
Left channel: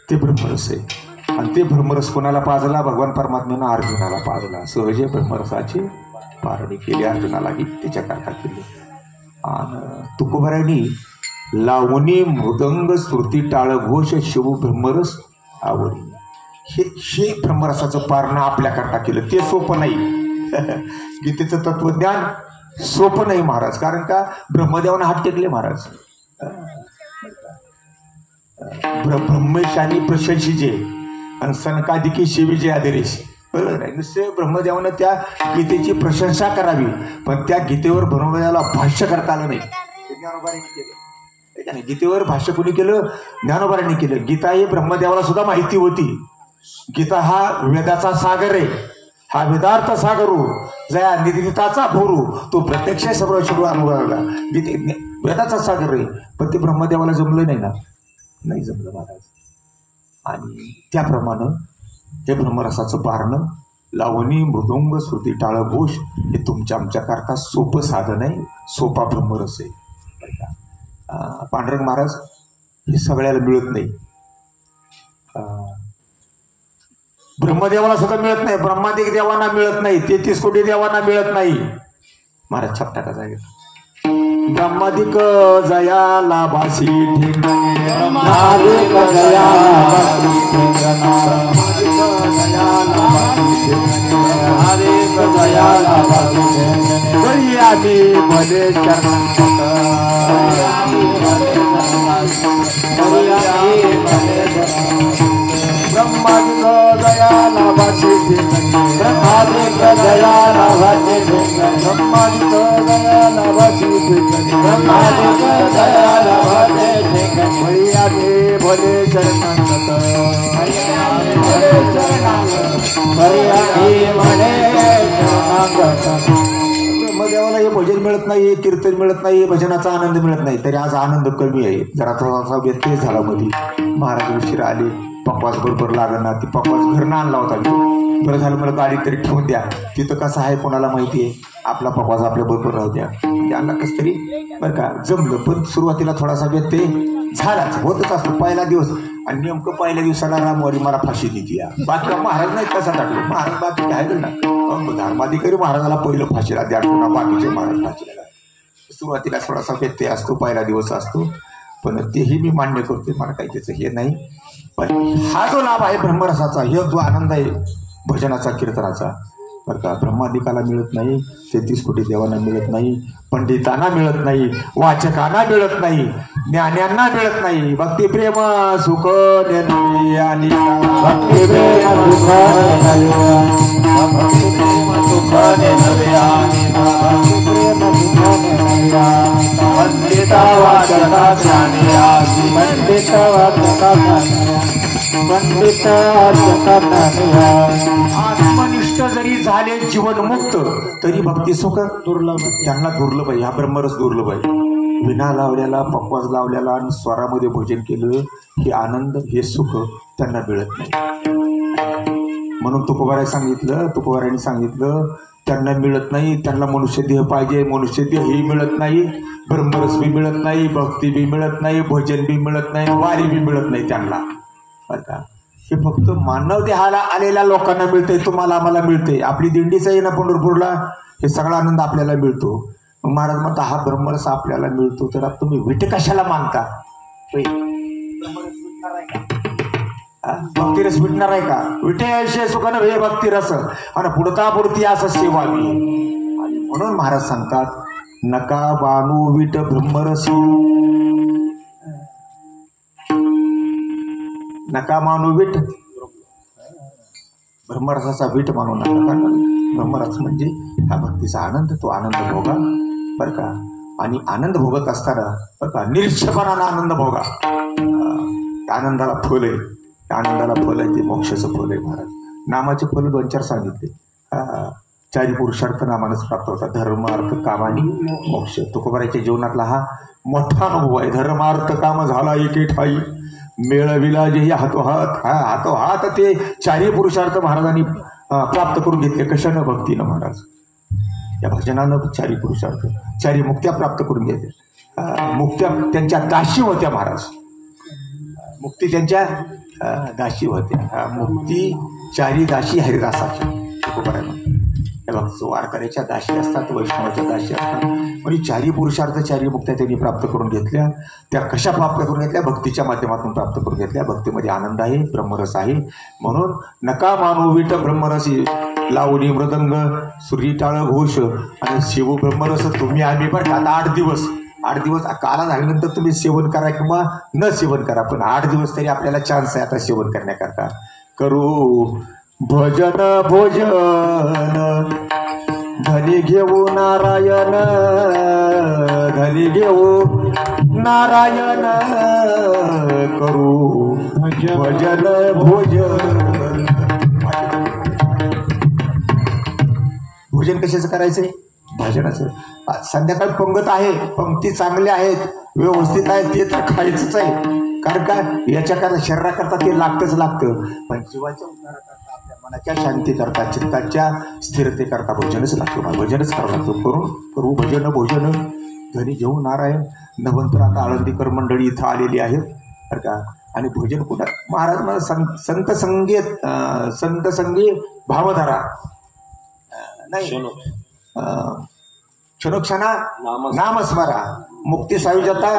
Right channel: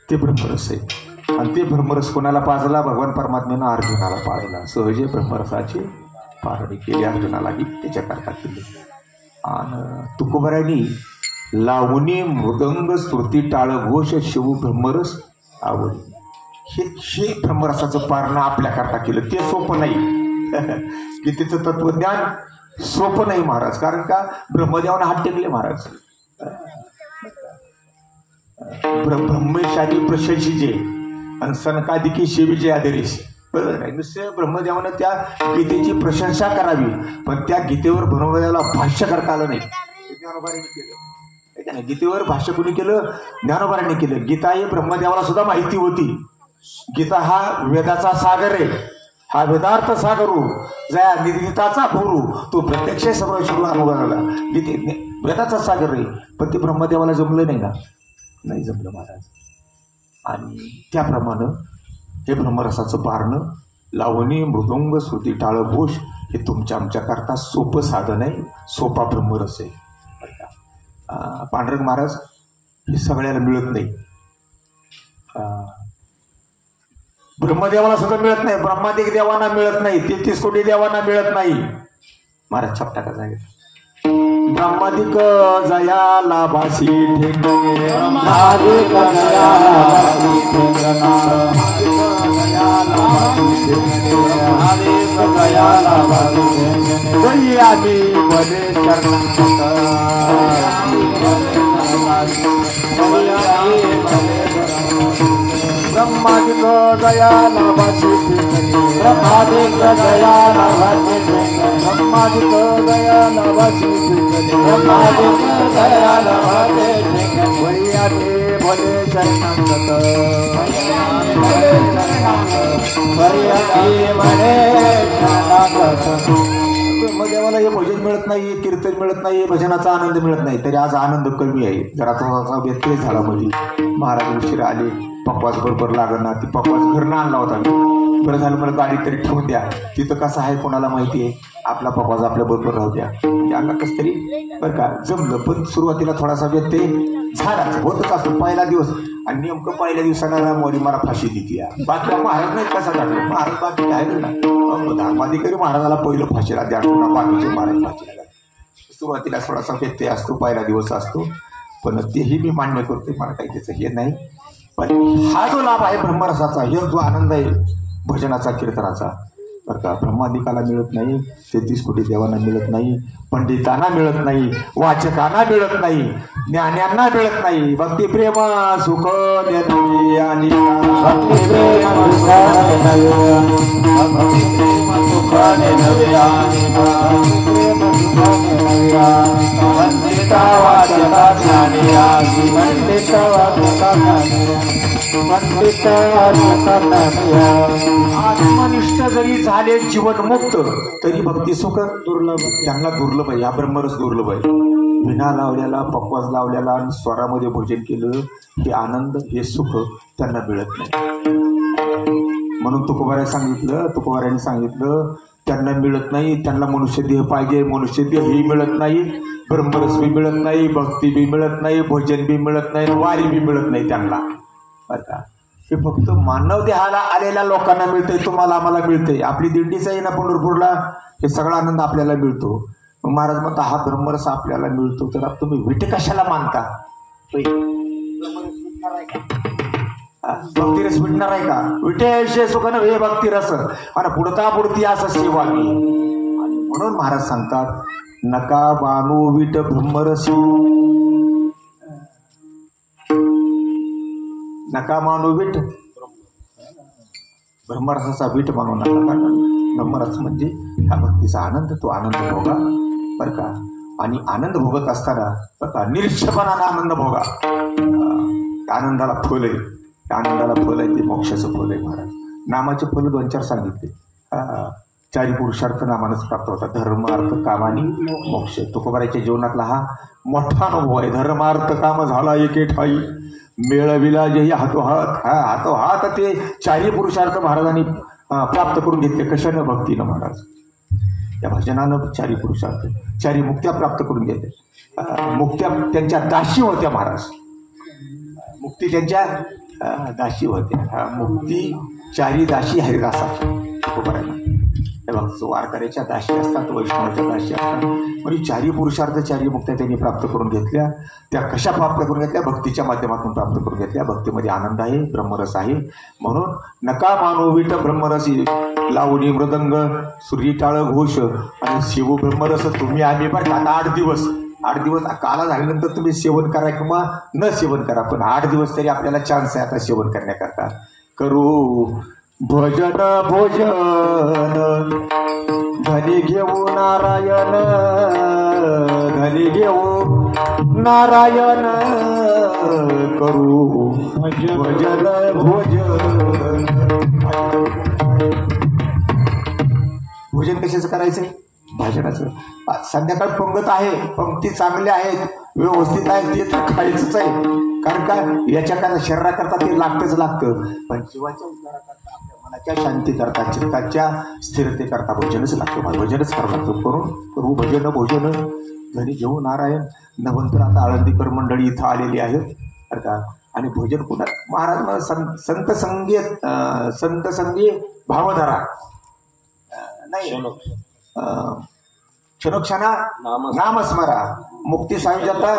ते ब्रह्मरस आहे आणि ते ब्रह्मरस कोणाला पाजला? भगवान परमात्म्यानं अर्जुनाला पाजला. सहजे ब्रह्मरसाची पारणी केली, अर्जुनालाही त्याच्याकरता केली. आणि तुकोबारायांनी लावणी मृदंग स्तुती टाळघोष शिव ब्रह्मरस आवडी हे ब्रह्मरसाचं पारणं आपल्याकरता केलं. ते सोपं नाही. गीतेचं तत्वज्ञान सोपं नाही महाराज, कारण का ब्रह्मदेवानं हात टेकले महाराज. ब्रह्मेश आणि प्रशंसीचे आणि सनकादिकी शिवीचे आदेश. बरोबर नाही, नुसते ब्रह्मदेवानं त्या गीतेची प्रशंसा करावी, पण त्या गीतेवर ब्रह्मदेवाला भाष्य करता आलं नाही. ज्ञानोबारांनी केलं. गीतेवर भाष्य कोणी केलं? ज्ञानोबारांनी केलं. गीता ही ब्रह्मदेवाला सुद्धा माहिती होती. गीता हा वेदाचा सागर आहे, हा वेदार्थ सागरू जया निदिताचा भोरू, तो प्रत्यक्ष सर्व अनुभवाला गीते वेदाचा सागर आहे. पण ते ब्रह्मदेवाला जमलं नाही ना, नाही जमलं महाराज. आणि त्याप्रमाणे हे ब्रह्मरसाचं पारणं लावणी मृदंग श्रुती टाळघोष हे तुमच्या आमच्याकरता सोपं साधन आहे, सोपा ब्रह्मरस आहे. पांडुरंग महाराज हे सगळ्याला मिळत नाही. ब्रह्मदेवाला सुद्धा मिळत नाही, ब्रह्मादिक देवांना मिळत नाही, 33 कोटी देवांना मिळत नाही. महाराज छापटा का जाईल ब्रह्मादिक जया लाभासी ठेंगणे, ब्रह्मादिक जया लाभासी तरी आम्ही भले ब्रह्मादिक जया लाभासी ब्रह्मादिक जया लाभासी ब्रह्मादिक जया लाभासी ब्रह्मादिक जया लाभासी भैयाने भले शरणागत भले शरणागत भैयाने भले शरणागत. ब्रह्मदेवाला हे भजन मिळत नाही, कीर्तन मिळत नाही, भजनाचा आनंद मिळत नाही. तरी आज आनंद कमी आहे. जरा थोडासा व्यत्यय झाला मध्ये. महाराज उशीर आले, पप्पाच बरोबर लागणार, ती पप्पाच घरनं आणला होता. बरं झालं, मला गाडी तरी ठेवून द्या, तिथं कसं आहे कोणाला माहिती आहे, आपला पप्पाच आपल्या बरोबर राहू द्या. त्यांना कसं तरी बरं का जमलं. पण सुरुवातीला थोडासा व्यत्यय झालाच, होतच असतो पहिला दिवस. आणि नेमकं पहिल्या दिवसाला रामवाडी मला फाशी देते. बाकी महाराज नाही कसा टाकलो महाराज, बाकी काय करणार, धर्माधिकारी महाराजाला पहिलं फाशीला द्या, पुन्हा बाकीचे महाराज फाशीला द्या. सुरुवातीला थोडासा व्यत्यय असतो, पहिला दिवस असतो, पण तेही मी मान्य करतोय, मला काही त्याचं हे नाही. पण हा जो लाभ आहे ब्रह्मरसाचा, हे जो आनंद आहे भजनाचा कीर्तनाचा, बरं का, ब्रह्मादिकाला मिळत नाही, 33 कोटी देवांना मिळत नाही, पंडितांना मिळत नाही, वाचकांना मिळत नाही, ज्ञान्यांना मिळत नाही. भक्ती प्रेम सुख आणि भक्ती प्रेम आत्मनिष्ठ जरी झाले जीवनमुक्त तरी भक्ती सुख दुर्लभ, त्यांना दुर्लभ आहे. हा ब्रह्मरस दुर्लभ आहे. विना लावल्याला, पक्वास लावल्याला आणि स्वरामध्ये भोजन केलं, हे आनंद, हे सुख त्यांना मिळत नाही. म्हणून तुकोबारायांनी सांगितलं त्यांना मिळत नाही. त्यांना मनुष्य देह पाहिजे, मनुष्य देह ही मिळत नाही, ब्रह्मरस बी मिळत नाही, भक्ती बी मिळत नाही, भोजन बी मिळत नाही, वारी बी मिळत नाही त्यांना. बरं का, हे फक्त मानव देहाला आलेल्या लोकांना मिळतंय, तुम्हाला आम्हाला मिळतंय. आपली दिंडीच आहे ना पंढरपूरला, हे सगळा आनंद आपल्याला मिळतो. मग महाराज म्हणता हा ब्रह्मरस आपल्याला मिळतो, तर तुम्ही विटे कशाला मानता? भक्तिरस भेटणार आहे का? विटे सुखानं वे भक्तिरस आणि पुढता पुढती असं सेवावी. आणि म्हणून महाराज सांगतात नका बाणू विट ब्रह्मरसी, नका मानू विट ब्रह्मरसाचा वीट म्हणू नका, कारण ब्रह्मरस म्हणजे हा भक्तीचा आनंद, तो आनंद भोगा बरं का. आणि आनंद भोगत असताना बरं का निरीक्षपणानं आनंद भोगा. आनंदाला फल आहे, त्या आनंदाला फल आहे ते मोक्षाचं फल आहे महाराज. नामाचे फल 2-4 सांगितले. 4 पुरुषार्थ नामानंच प्राप्त होतात, धर्म अर्थ काम आणि मोक्ष. तुकोबाराच्या जीवनातला हा मोठा अनुभव आहे. धर्म अर्थ काम झाला एके ठाई, मेळविला जेही हातोहात. हातोहात ते 4 पुरुषार्थ महाराजांनी प्राप्त करून घेतले. कशानं? भक्तीनं महाराज. या भजनानं 4 पुरुषार्थ, 4 मुक्त्या प्राप्त करून घेतल्या. मुक्त्या त्यांच्या दाशी होत्या महाराज. मुक्ती त्यांच्या दाशी होत्या. मुक्ती 4 दाशी हरिदासाच्या तुकोबारांना. वारकऱ्याच्या दाशी असतात, वैष्णवाच्या दाशी असतात. म्हणजे 4 पुरुषार्थ 4 मुक्त्या त्यांनी प्राप्त करून घेतल्या. त्या कशा प्राप्त करून घेतल्या? भक्तीच्या माध्यमातून प्राप्त करून घेतल्या. भक्तीमध्ये आनंद आहे, ब्रह्मरस आहे. म्हणून नका मानू विट ब्रह्मरसी, लावणी मृदंग सूर्य टाळ घोष आणि शिव ब्रह्मरस तुम्ही आम्ही. पण आता 8 दिवस काला झाल्यानंतर तुम्ही सेवन करा किंवा न सेवन करा, पण 8 दिवस तरी आपल्याला चान्स आहे आता सेवन करण्याकरता. करू भजन धनी घेऊ नारायण, धनी घेऊ नारायण, करू भजन भोजन कशाचं करायचंय? भजनाचं. संध्याकाळ पंगत आहे, पंक्ती चांगल्या आहेत, व्यवस्थित आहेत, ते तर खायचंच आहे. कारण का याच्याकरता शरीराकरता ते लागतं. पण जीवाच्या उद्धाराकरता, आपल्या मनाच्या शांतीकरता, चित्ताच्या स्थिरतेकरता भजनच लागतो. भजनच करावं लागतो. करू भोजन धनी घेऊ नारायण. नवंतर आता आळंदीकर मंडळी इथं आलेली आहेत बरं का. आणि भोजन कुठं महाराज मला संत संगी भावधारा नाही, क्षणोक्षणा नामस्मरा, मुक्ती सायुज्यता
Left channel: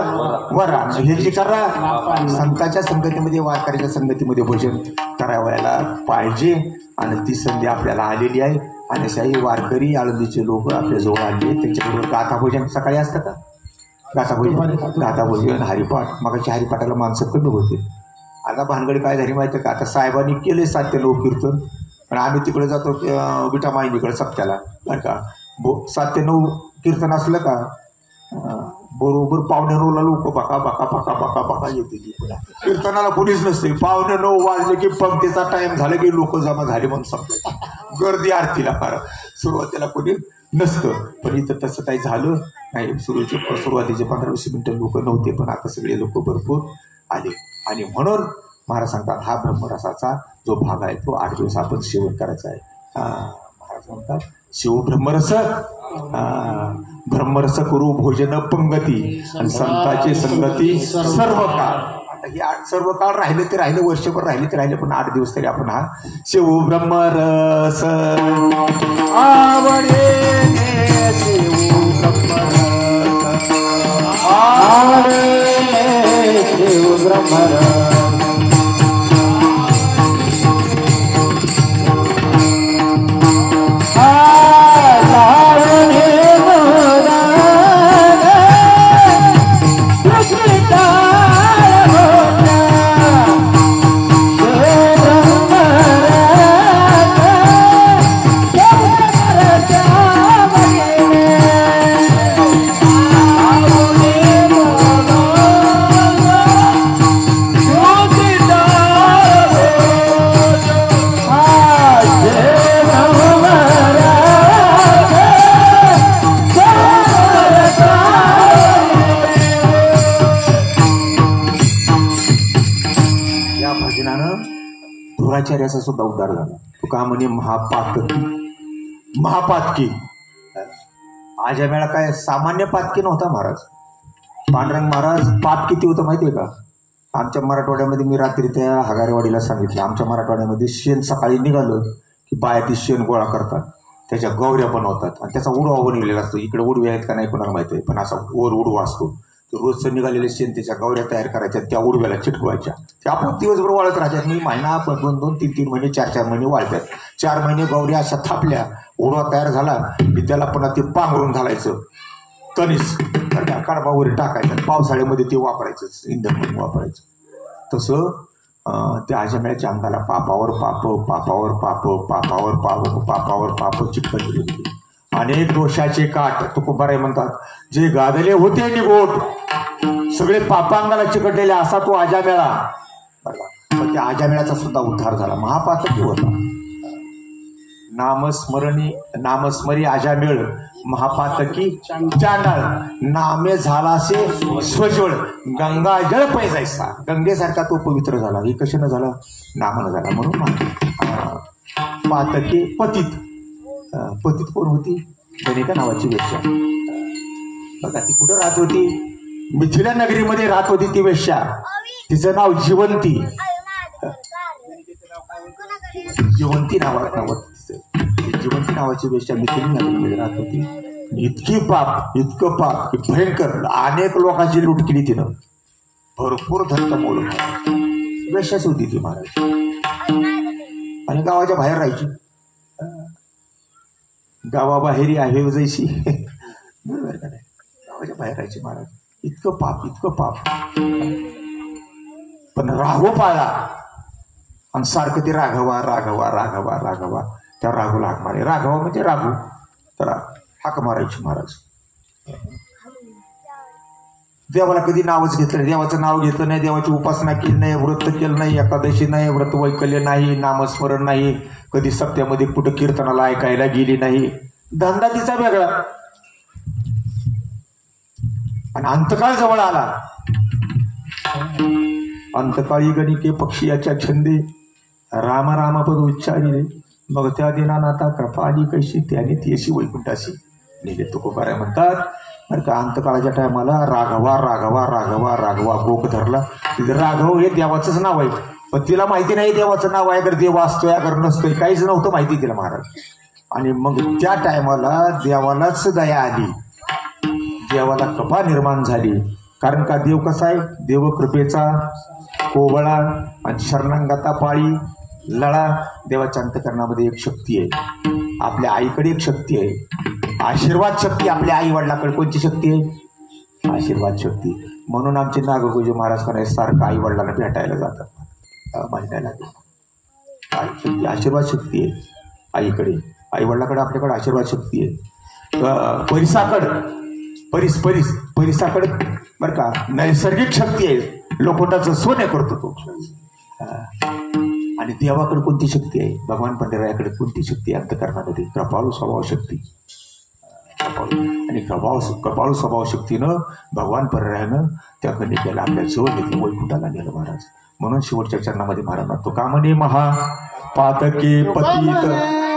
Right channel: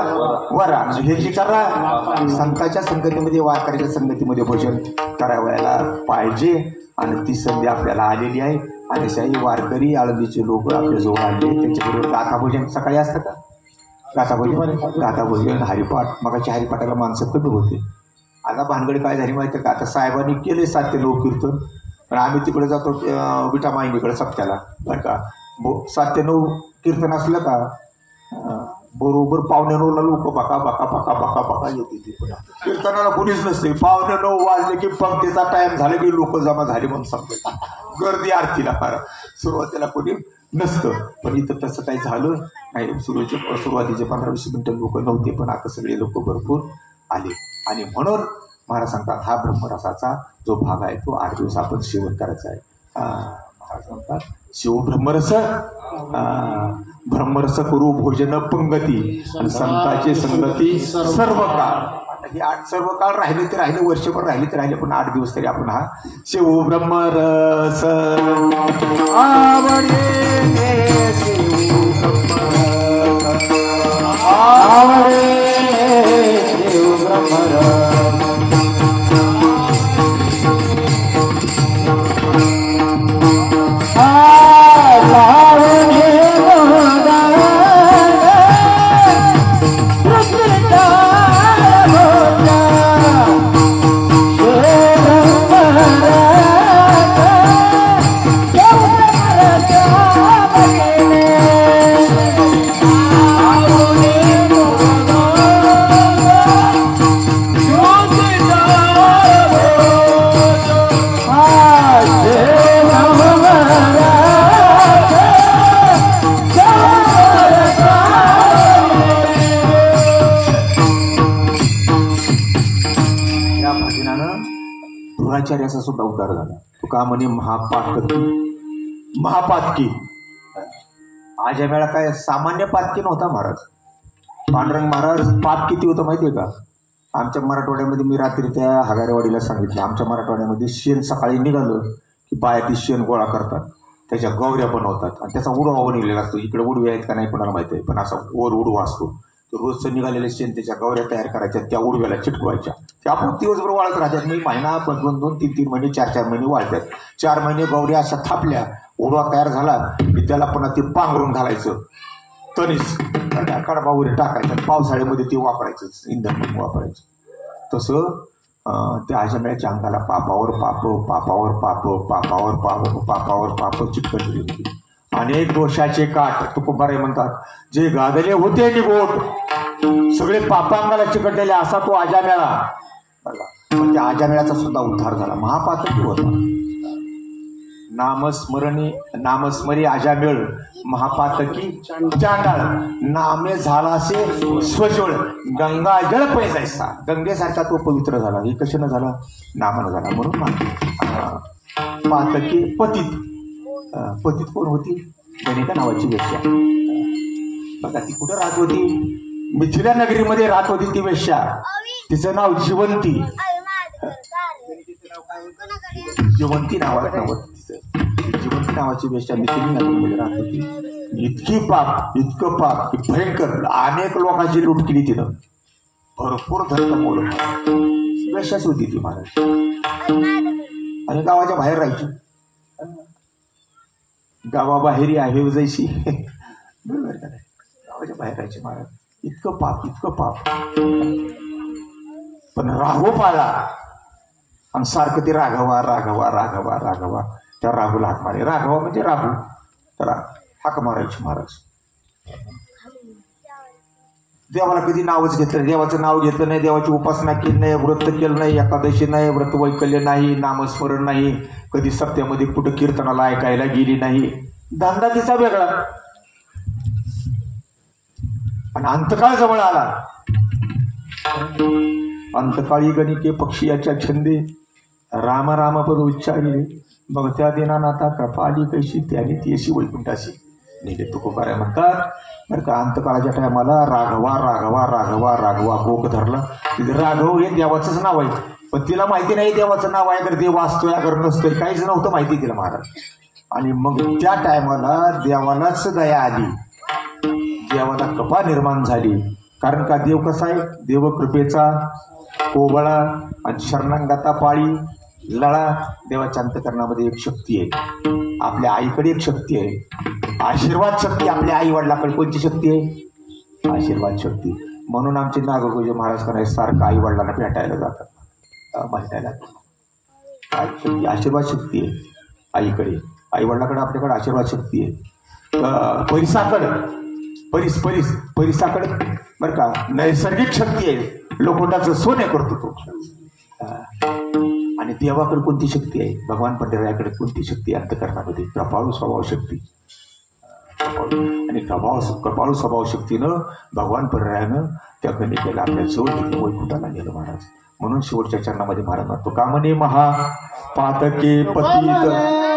वरा. हे जी करा संतांच्या संगतीमध्ये, वारकऱ्याच्या संगतीमध्ये भोजन करावयाला पाहिजे. आणि ती संधी आपल्याला आलेली आहे. आणि शाही वारकरी आळंदीचे लोक आपल्या जवळ आले, त्यांच्याकडे गाथा भोजन सकाळी असतं का? गाथा भोजन हरिपाठ. मगाच्या हरिपाठाला माणसं कमी होते. आता भानगडी काय झाली माहिती का? आता साहेबांनी केले 7 ते 9 कीर्तन, पण आम्ही तिकडे जातो विटामाईनीकडे सप्त्याला बरं का. 7 ते 9 कीर्तन असलं का बरोबर 8:45ला लोक बका येते. कीर्तनाला कुणीच नसते. 8:45 वाजले की पंक्तीचा टाइम झाला की लोक जमा झाले म्हणून समजत. गर्दी आरतीला फार सुरुवातीला कोणी नसतं. पण इथं तसं काही झालं नाही. सुरुवातीचे 15-20 मिनिटं लोक नव्हते, पण आता सगळे लोक भरपूर आले. आणि म्हणून महाराज सांगतात हा ब्रह्मरसाचा जो भाग आहे तो 8 दिवस आपण सेवन करायचा आहे. महाराज म्हणतात शिव ब्रह्मरस करू भोजन पंगती, आणि संताची संगती सर्व काळ. आता ही 8 सर्व काळ राहिले ते राहिले, वर्षभर राहिले ते राहिले, पण 8 दिवस तरी आपण हा शिव ब्रह्मरस धुराचार्याचा सुद्धा उद्धार झाला. तुका म्हणे महापातकी. माझ्या वेळा काय सामान्य पातकी नव्हता महाराज. पांडुरंग महाराज पात किती होतं माहितीये का? आमच्या मराठवाड्यामध्ये, मी रात्री त्या हगारेवाडीला सांगितलं, आमच्या मराठवाड्यामध्ये शेण सकाळी निघालं की बाया ती शेण गोळा करतात, त्याच्या गौऱ्या बनवतात आणि त्याचा उडवा बनवलेला असतो. इकडे उडवे आहेत का नाही कोणाला माहिती आहे, पण असा वर उडवा असतो. तर रोजचं निघालेले शेण त्याच्या गौऱ्या तयार करायच्या, त्या उडव्याला चिटकवायच्या. त्या आपण दिवसभर वाळत राहतात. मी महिना 2-2, 3-3 महिने, 4-4 महिने वाळतात. 4 महिने गौऱ्या अशा थापल्या, उडवा तयार झाला की त्याला पुन्हा ते पांघरून घालायचं, तणीस कडबा वगैरे टाकायचं, पावसाळ्यामध्ये ते वापरायचं, इंधन म्हणून वापरायचं. तसं त्या आजम्याच्या अंगाला पापावर पाप पापावर पाप पापावर पाप पापावर पाप चिकटलेली होती. अनेक दोषाचे काठ तुकोबाराय म्हणतात, जे गादले होते निगोट सगळे पापांगाला चिकटलेले असा तो आजामेळा. बरोबर, त्या आजामेळाचा सुद्धा उद्धार झाला. महापातकी होता. नामस्मरी आजामेळ महापातकी चांडाळ. नामे झालासे स्वजळ गंगा जळ पैजायचा. गंगेसारखा तो पवित्र झाला. हे कशानं झालं? नामानं झाला. म्हणून पातकी पतित. पतित कोण होती? गणिका नावाची वेश्या. बघा ती कुठं राहत होती? मिथिला नगरीमध्ये राहत होती ती वेश्या. तिचं नाव जिवंती. जिवंती जिवंती नावाची वेश्या मिथिला नगरीमध्ये राहत होती. इतकं पाप की भयंकर. अनेक लोकांची लूट केली तिनं. भरपूर धर्म बोलत वेश्याच होती ती महाराज. आणि गावाच्या बाहेर राहायची. गावाबाहेरी आहे जैशी. बरोबर का नाही? गावाच्या बाहेर राहायचे महाराज. इतकं पाप. पण राघव पाळला. आणि सारखं ते राघवा त्या राघूला हाक मारे. राघवा म्हणजे राघू. तर हाक मारायची महाराज. देवाला कधी नावच घेतलं नाही. देवाचं नाव घेतलं नाही. देवाची उपासना केली नाही. व्रत केलं नाही. एकादशी नाही. व्रत वैकल्य नाही. नामस्मरण नाही. कधी सत्यामध्ये कुठं कीर्तनाला ऐकायला गेली नाही. धंदा तिचा वेगळा. आणि अंतकाळ जवळ आला. अंतकाळी गणिके पक्षी याच्या छंदे राम राम पद उच्चारिले. मग त्या दिनानाथा कृपा आली कैशी त्याने ती अशी वैकुंठाशी नेले. तुकोबाराय म्हणतात बरं का, अंतकाळाच्या टायमाला राघवा गोक धरला. तिथे राघव हे देवाचंच नाव आहे. पण तिला माहिती नाही देवाचं नाव आहे. अगर देव असतोय अगर नसतोय काहीच नव्हतं माहिती तिला महाराज. आणि मग त्या टायमाला देवालाच दया आली. देवाला कृपा निर्माण झाली. कारण का देव कसा आहे? देव कृपेचा कोवळा आणि शरणांगाता पाळी लळा. देवाच्या अंतकरणामध्ये एक शक्ती आहे. आपल्या आईकडे एक शक्ती आहे. आशीर्वाद शक्ती. आपल्या आई वडिलाकडे कोणती शक्ती आहे? आशीर्वाद शक्ती. म्हणून आमचे नागरगोजे महाराज करायचे सारखं आई वडिलांना भेटायला जातात महिन्याला. शक्ती आशीर्वाद शक्ती आहे आईकडे. आई वडिलाकडे आपल्याकडे आशीर्वाद शक्ती आहे. परिसाकडे बरं का नैसर्गिक शक्ती आहे. लोखंडाचं सोने करतो तो. आणि देवाकडे कोणती शक्ती आहे? भगवान पंढरीयाकडे कोणती शक्ती आहे? अंतकरणामध्ये कृपाळू स्वभाव शक्ती. आणि कृपाळू स्वभाव शक्तीनं भगवान पंढरीयानं त्या गणिकेला आपल्या जवळ घेतलं. वैकुंठाला नेलं महाराज. म्हणून शेवटच्या चरणामध्ये महाराज तुका म्हणे महापातके पतित